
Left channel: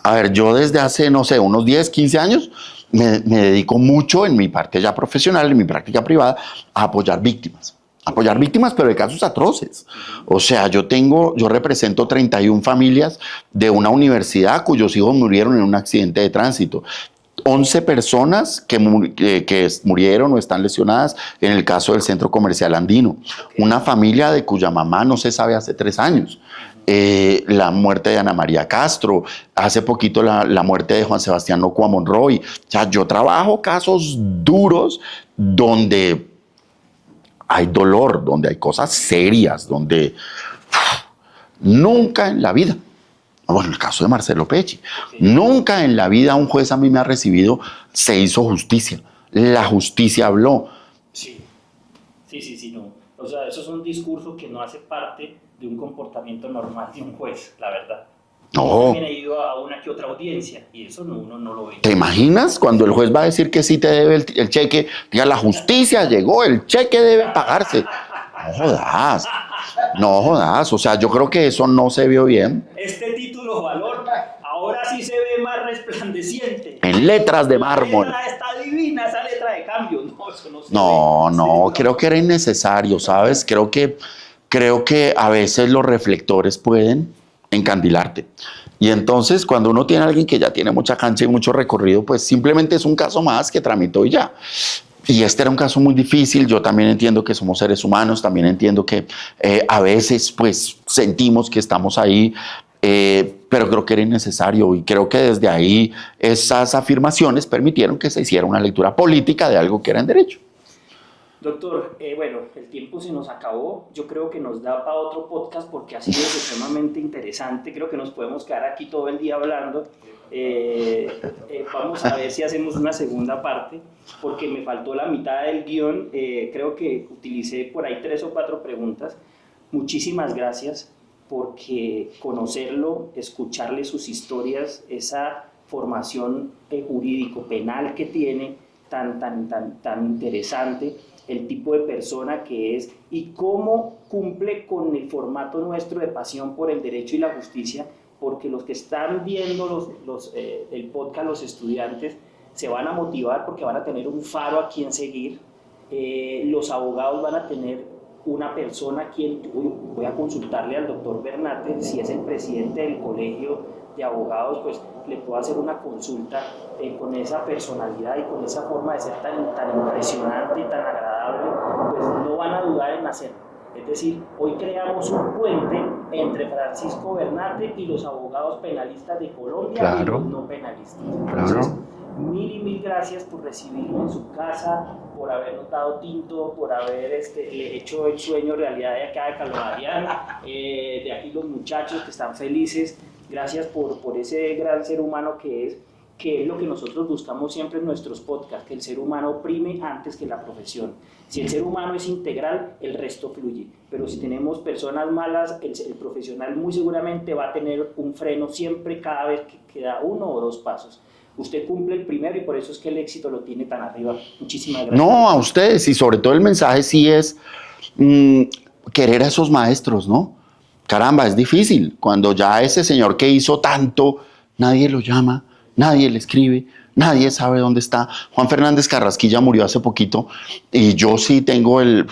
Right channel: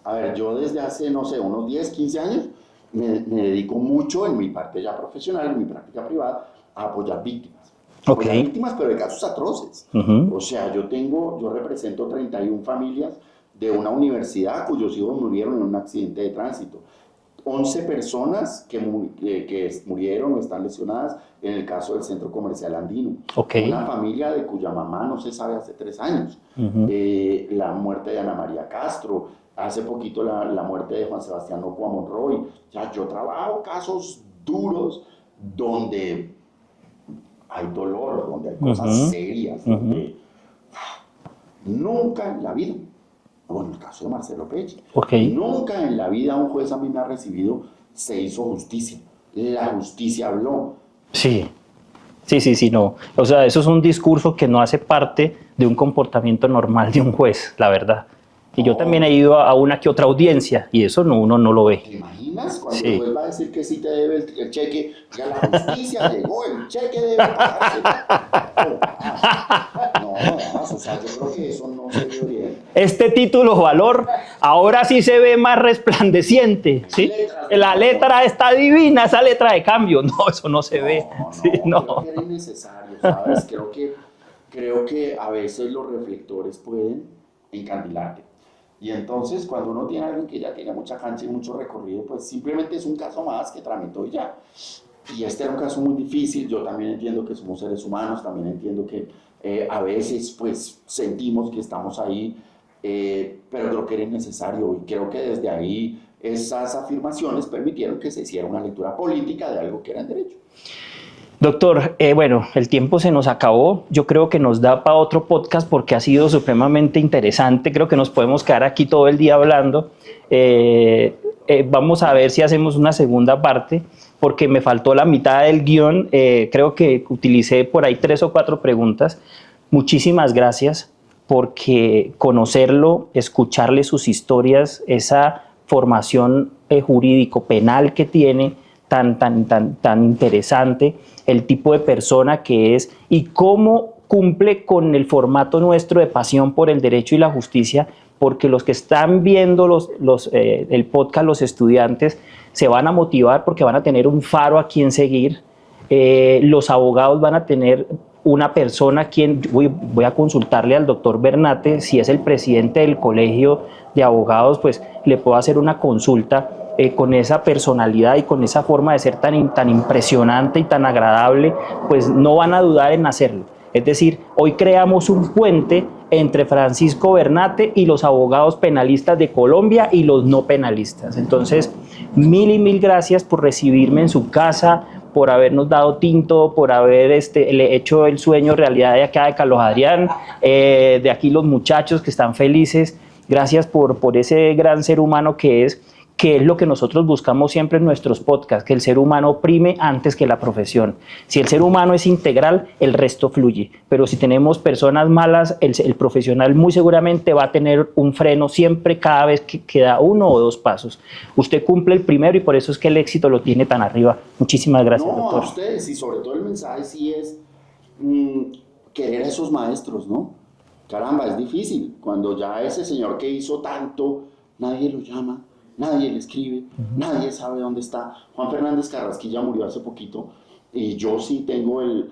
a ver, yo desde hace, no sé, unos 10, 15 años me dedico mucho en mi parte ya profesional, en mi práctica privada, a apoyar víctimas. Apoyar víctimas, pero de casos atroces. O sea, yo represento 31 familias de una universidad cuyos hijos murieron en un accidente de tránsito. 11 personas que murieron o están lesionadas en el caso del Centro Comercial Andino. Una familia de cuya mamá no se sabe hace 3 años. La muerte de Ana María Castro, hace poquito la muerte de Juan Sebastián Nocua Monroy. O sea, yo trabajo casos duros donde hay dolor, donde hay cosas serias, donde nunca en la vida, bueno, el caso de Marcelo Pecci, nunca en la vida un juez a mí me ha recibido, se hizo justicia. La justicia habló. Sí, no. O sea, eso es un discurso que no hace parte de un comportamiento normal de un juez, la verdad. Y yo también he ido a una que otra audiencia y eso uno no lo ve. ¿Te imaginas cuando el juez va a decir que sí te debe el cheque? Diga, la justicia llegó, el cheque debe pagarse. No jodas. O sea, yo creo que eso no se vio bien. Este título valor ahora sí se ve más resplandeciente. En letras de mármol. La letra está divina, esa letra de cambio. No, eso no se ve. No, creo que era innecesario, ¿sabes? Creo que a veces los reflectores pueden encandilarte. Y entonces, cuando uno tiene a alguien que ya tiene mucha cancha y mucho recorrido, pues simplemente es un caso más que tramitó y ya. Y este era un caso muy difícil. Yo también entiendo que somos seres humanos, también entiendo que a veces pues sentimos que estamos ahí, pero creo que era innecesario y creo que desde ahí esas afirmaciones permitieron que se hiciera una lectura política de algo que era en derecho. Doctor, bueno, el tiempo se nos acabó. Yo creo que nos da para otro podcast porque ha sido supremamente interesante. Creo que nos podemos quedar aquí todo el día hablando. Vamos a ver si hacemos una segunda parte porque me faltó la mitad del guión. Creo que utilicé por ahí 3 o 4 preguntas. Muchísimas gracias porque conocerlo, escucharle sus historias, esa formación jurídico-penal que tiene tan interesante, el tipo de persona que es y cómo cumple con el formato nuestro de pasión por el derecho y la justicia, porque los que están viendo el podcast, los estudiantes, se van a motivar porque van a tener un faro a quien seguir. Los abogados van a tener una persona a quien voy a consultarle al doctor Bernate, si es el presidente del colegio de abogados, pues le puedo hacer una consulta con esa personalidad y con esa forma de ser tan impresionante y tan agradable, pues no van a dudar en hacerlo. Es decir, hoy creamos un puente entre Francisco Bernate y los abogados penalistas de Colombia y los no penalistas. Entonces, mil y mil gracias por recibirme en su casa, por habernos dado tinto, por haber hecho el sueño realidad de acá de Carlos Adrián, de aquí los muchachos que están felices. Gracias por ese gran ser humano que es lo que nosotros buscamos siempre en nuestros podcasts, que el ser humano prime antes que la profesión. Si el ser humano es integral, el resto fluye. Pero si tenemos personas malas, el profesional muy seguramente va a tener un freno siempre cada vez que da 1 o 2 pasos. Usted cumple el primero y por eso es que el éxito lo tiene tan arriba. Muchísimas gracias. No, doctor. a ustedes, y sobre todo el mensaje sí es querer a esos maestros, ¿no? Caramba, es difícil. Cuando ya ese señor que hizo tanto, nadie lo llama, nadie le escribe, nadie sabe dónde está. Juan Fernández Carrasquilla murió hace poquito y yo sí tengo el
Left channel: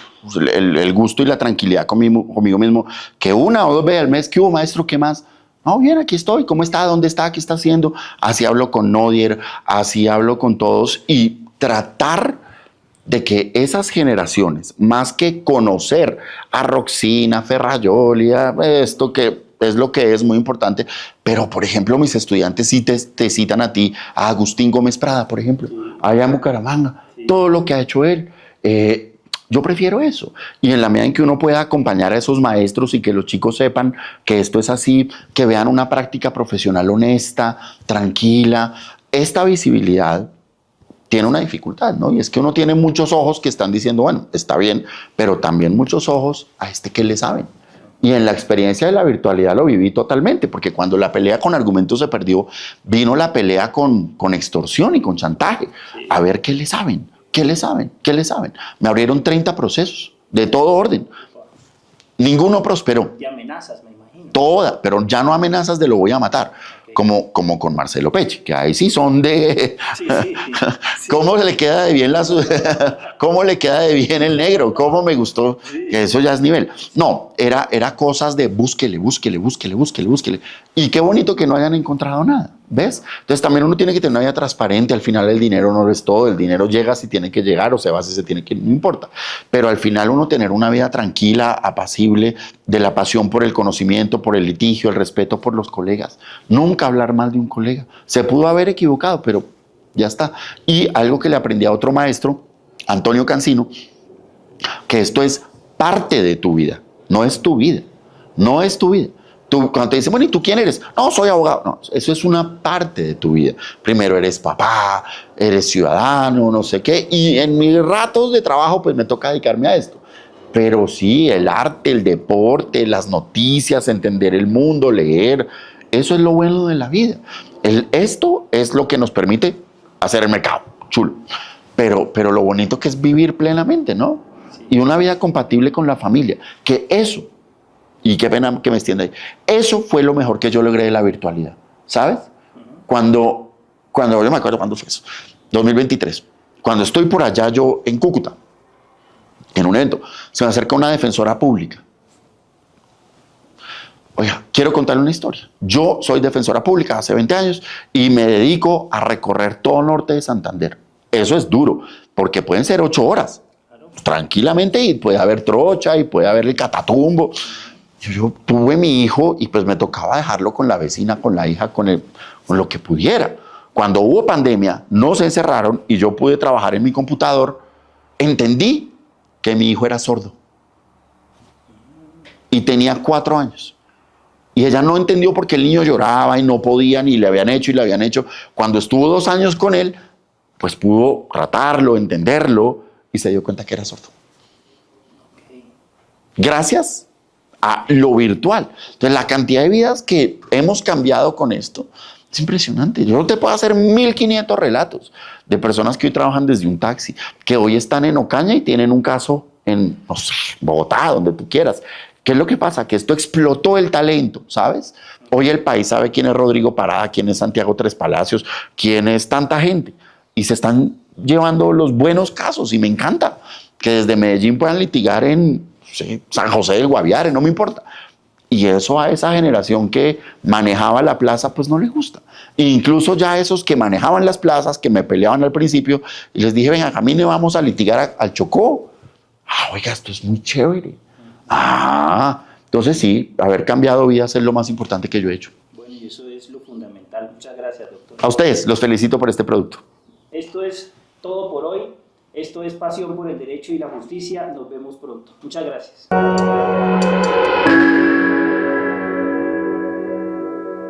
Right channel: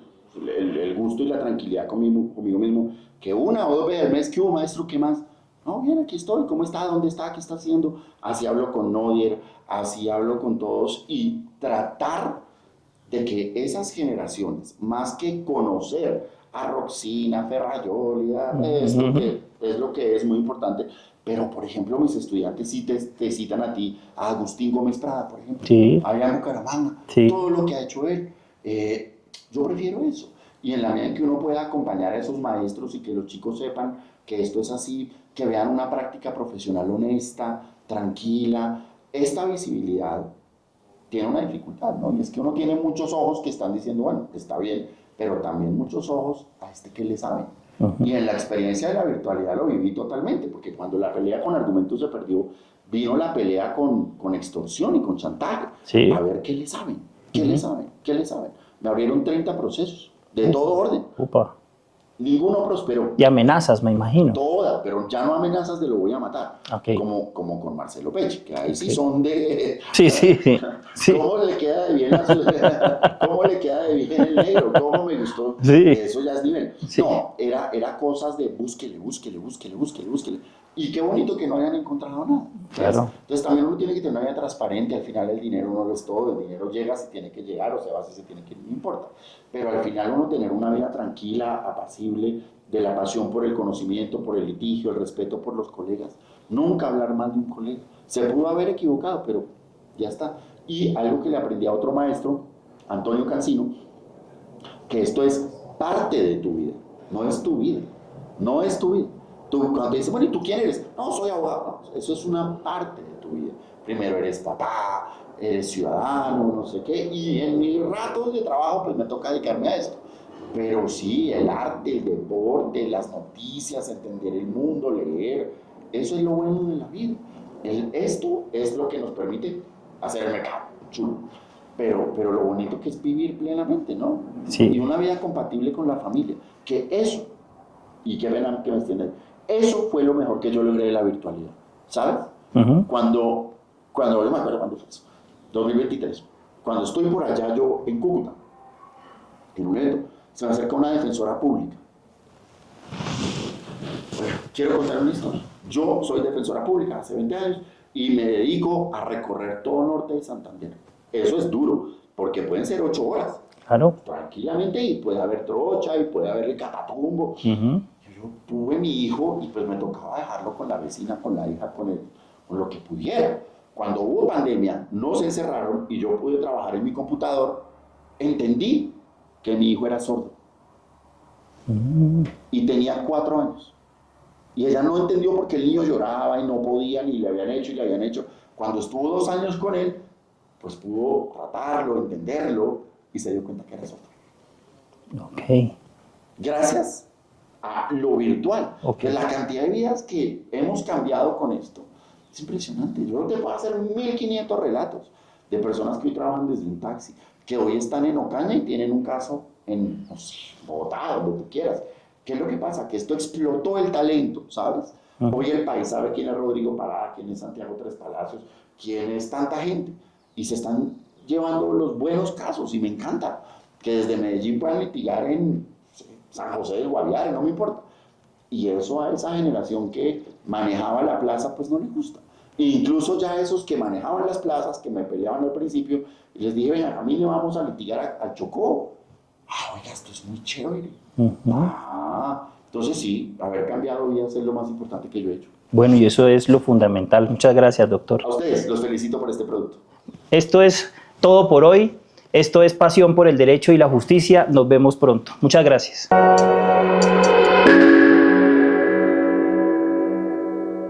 gusto y la tranquilidad conmigo mismo que 1 o 2 veces al mes, ¿qué hubo, maestro? ¿Qué más? No, bien, aquí estoy. ¿Cómo está? ¿Dónde está? ¿Qué está haciendo? Así hablo con Nodier, así hablo con todos y tratar de que esas generaciones, más que conocer a Roxina, Ferrayoli, a esto que es lo que es muy importante, pero por ejemplo mis estudiantes sí te citan a ti, a Agustín Gómez Prada, por ejemplo, Sí. allá en Bucaramanga, Sí. todo lo que ha hecho él. Yo prefiero eso. Y en la medida en que uno pueda acompañar a esos maestros y que los chicos sepan que esto es así, que vean una práctica profesional honesta, tranquila, esta visibilidad tiene una dificultad, ¿no? Y es que uno tiene muchos ojos que están diciendo, bueno, está bien, pero también muchos ojos a este que le saben. Y en la experiencia de la virtualidad lo viví totalmente, porque cuando la pelea con argumentos se perdió, vino la pelea con extorsión y con chantaje. Sí. A ver qué le saben, qué le saben, qué le saben. Me abrieron 30 procesos de todo orden. Upa. Ninguno prosperó. Y amenazas, me imagino. Toda, pero ya no amenazas de lo voy a matar, Ok. como con Marcelo Peche, que ahí sí son de... Sí, sí, sí. ¿Cómo le queda de bien cómo le queda de bien el negro? ¿Cómo me gustó? Sí. Que eso ya es nivel. Sí. No, era cosas de búsquele. Y qué bonito que no hayan encontrado nada, ¿ves? Claro. Entonces también uno tiene que tener una vida transparente. Al final el dinero no es todo, el dinero llega si tiene que llegar o se va si se tiene que, no importa. Pero al final uno tener una vida tranquila, apacible, de la pasión por el conocimiento, por el litigio, el respeto por los colegas. Nunca hablar mal de un colega. Se pudo haber equivocado, pero ya está. Y algo que le aprendí a otro maestro, Antonio Cancino, que esto es parte de tu vida, no es tu vida, no es tu vida. Tú, cuando te dicen, bueno, ¿y tú quién eres? No, soy abogado. No, eso es una parte de tu vida. Primero eres papá, eres ciudadano, no sé qué. Y en mis ratos de trabajo, pues me toca dedicarme a esto. Pero sí, el arte, el deporte, las noticias, entender el mundo, leer, eso es lo bueno de la vida. Esto es lo que nos permite hacer el mercado, chulo. Pero lo bonito que es vivir plenamente, ¿no? Sí. Y una vida compatible con la familia. Que eso, y qué pena que me extienda ahí, eso fue lo mejor que yo logré de la virtualidad, ¿sabes? Cuando yo me acuerdo cuándo fue eso, 2023, cuando estoy por allá yo en Cúcuta, en un evento, se me acerca una defensora pública. Oiga, quiero contarle una historia. Yo soy defensora pública hace 20 años y me dedico a recorrer todo el norte de Santander. Eso es duro, porque pueden ser 8 horas. Claro. Tranquilamente, y puede haber trocha y puede haber el catatumbo. Yo tuve mi hijo y pues me tocaba dejarlo con la vecina, con la hija, con lo que pudiera. Cuando hubo pandemia, no se encerraron y yo pude trabajar en mi computador, entendí que mi hijo era sordo. Y tenía 4 años. Y ella no entendió por qué el niño lloraba y no podía, ni le habían hecho y le habían hecho. Cuando estuvo 2 años con él, pues pudo tratarlo, entenderlo y se dio cuenta que era sordo. Ok. Gracias a lo virtual. Entonces, la cantidad de vidas que hemos cambiado con esto es impresionante. Yo no te puedo hacer 1500 relatos de personas que hoy trabajan desde un taxi, que hoy están en Ocaña y tienen un caso en, no sé, Bogotá, donde tú quieras. ¿Qué es lo que pasa? Que esto explotó el talento, ¿sabes? Hoy el país sabe quién es Rodrigo Parada, quién es Santiago Tres Palacios, quién es tanta gente. Y se están llevando los buenos casos y me encanta que desde Medellín puedan litigar en San José del Guaviare, no me importa. Y eso a esa generación que manejaba la plaza, pues no le gusta. E incluso ya esos que manejaban las plazas, que me peleaban al principio, y les dije, venga, camine, vamos a litigar al Chocó. Ah, oiga, esto es muy chévere. Entonces sí, haber cambiado vidas es lo más importante que yo he hecho. Bueno, y eso es lo fundamental. Muchas gracias, doctor. A ustedes, los felicito por este producto. Esto es todo por hoy. Esto es Pasión por el Derecho y la Justicia. Nos vemos pronto. Muchas gracias.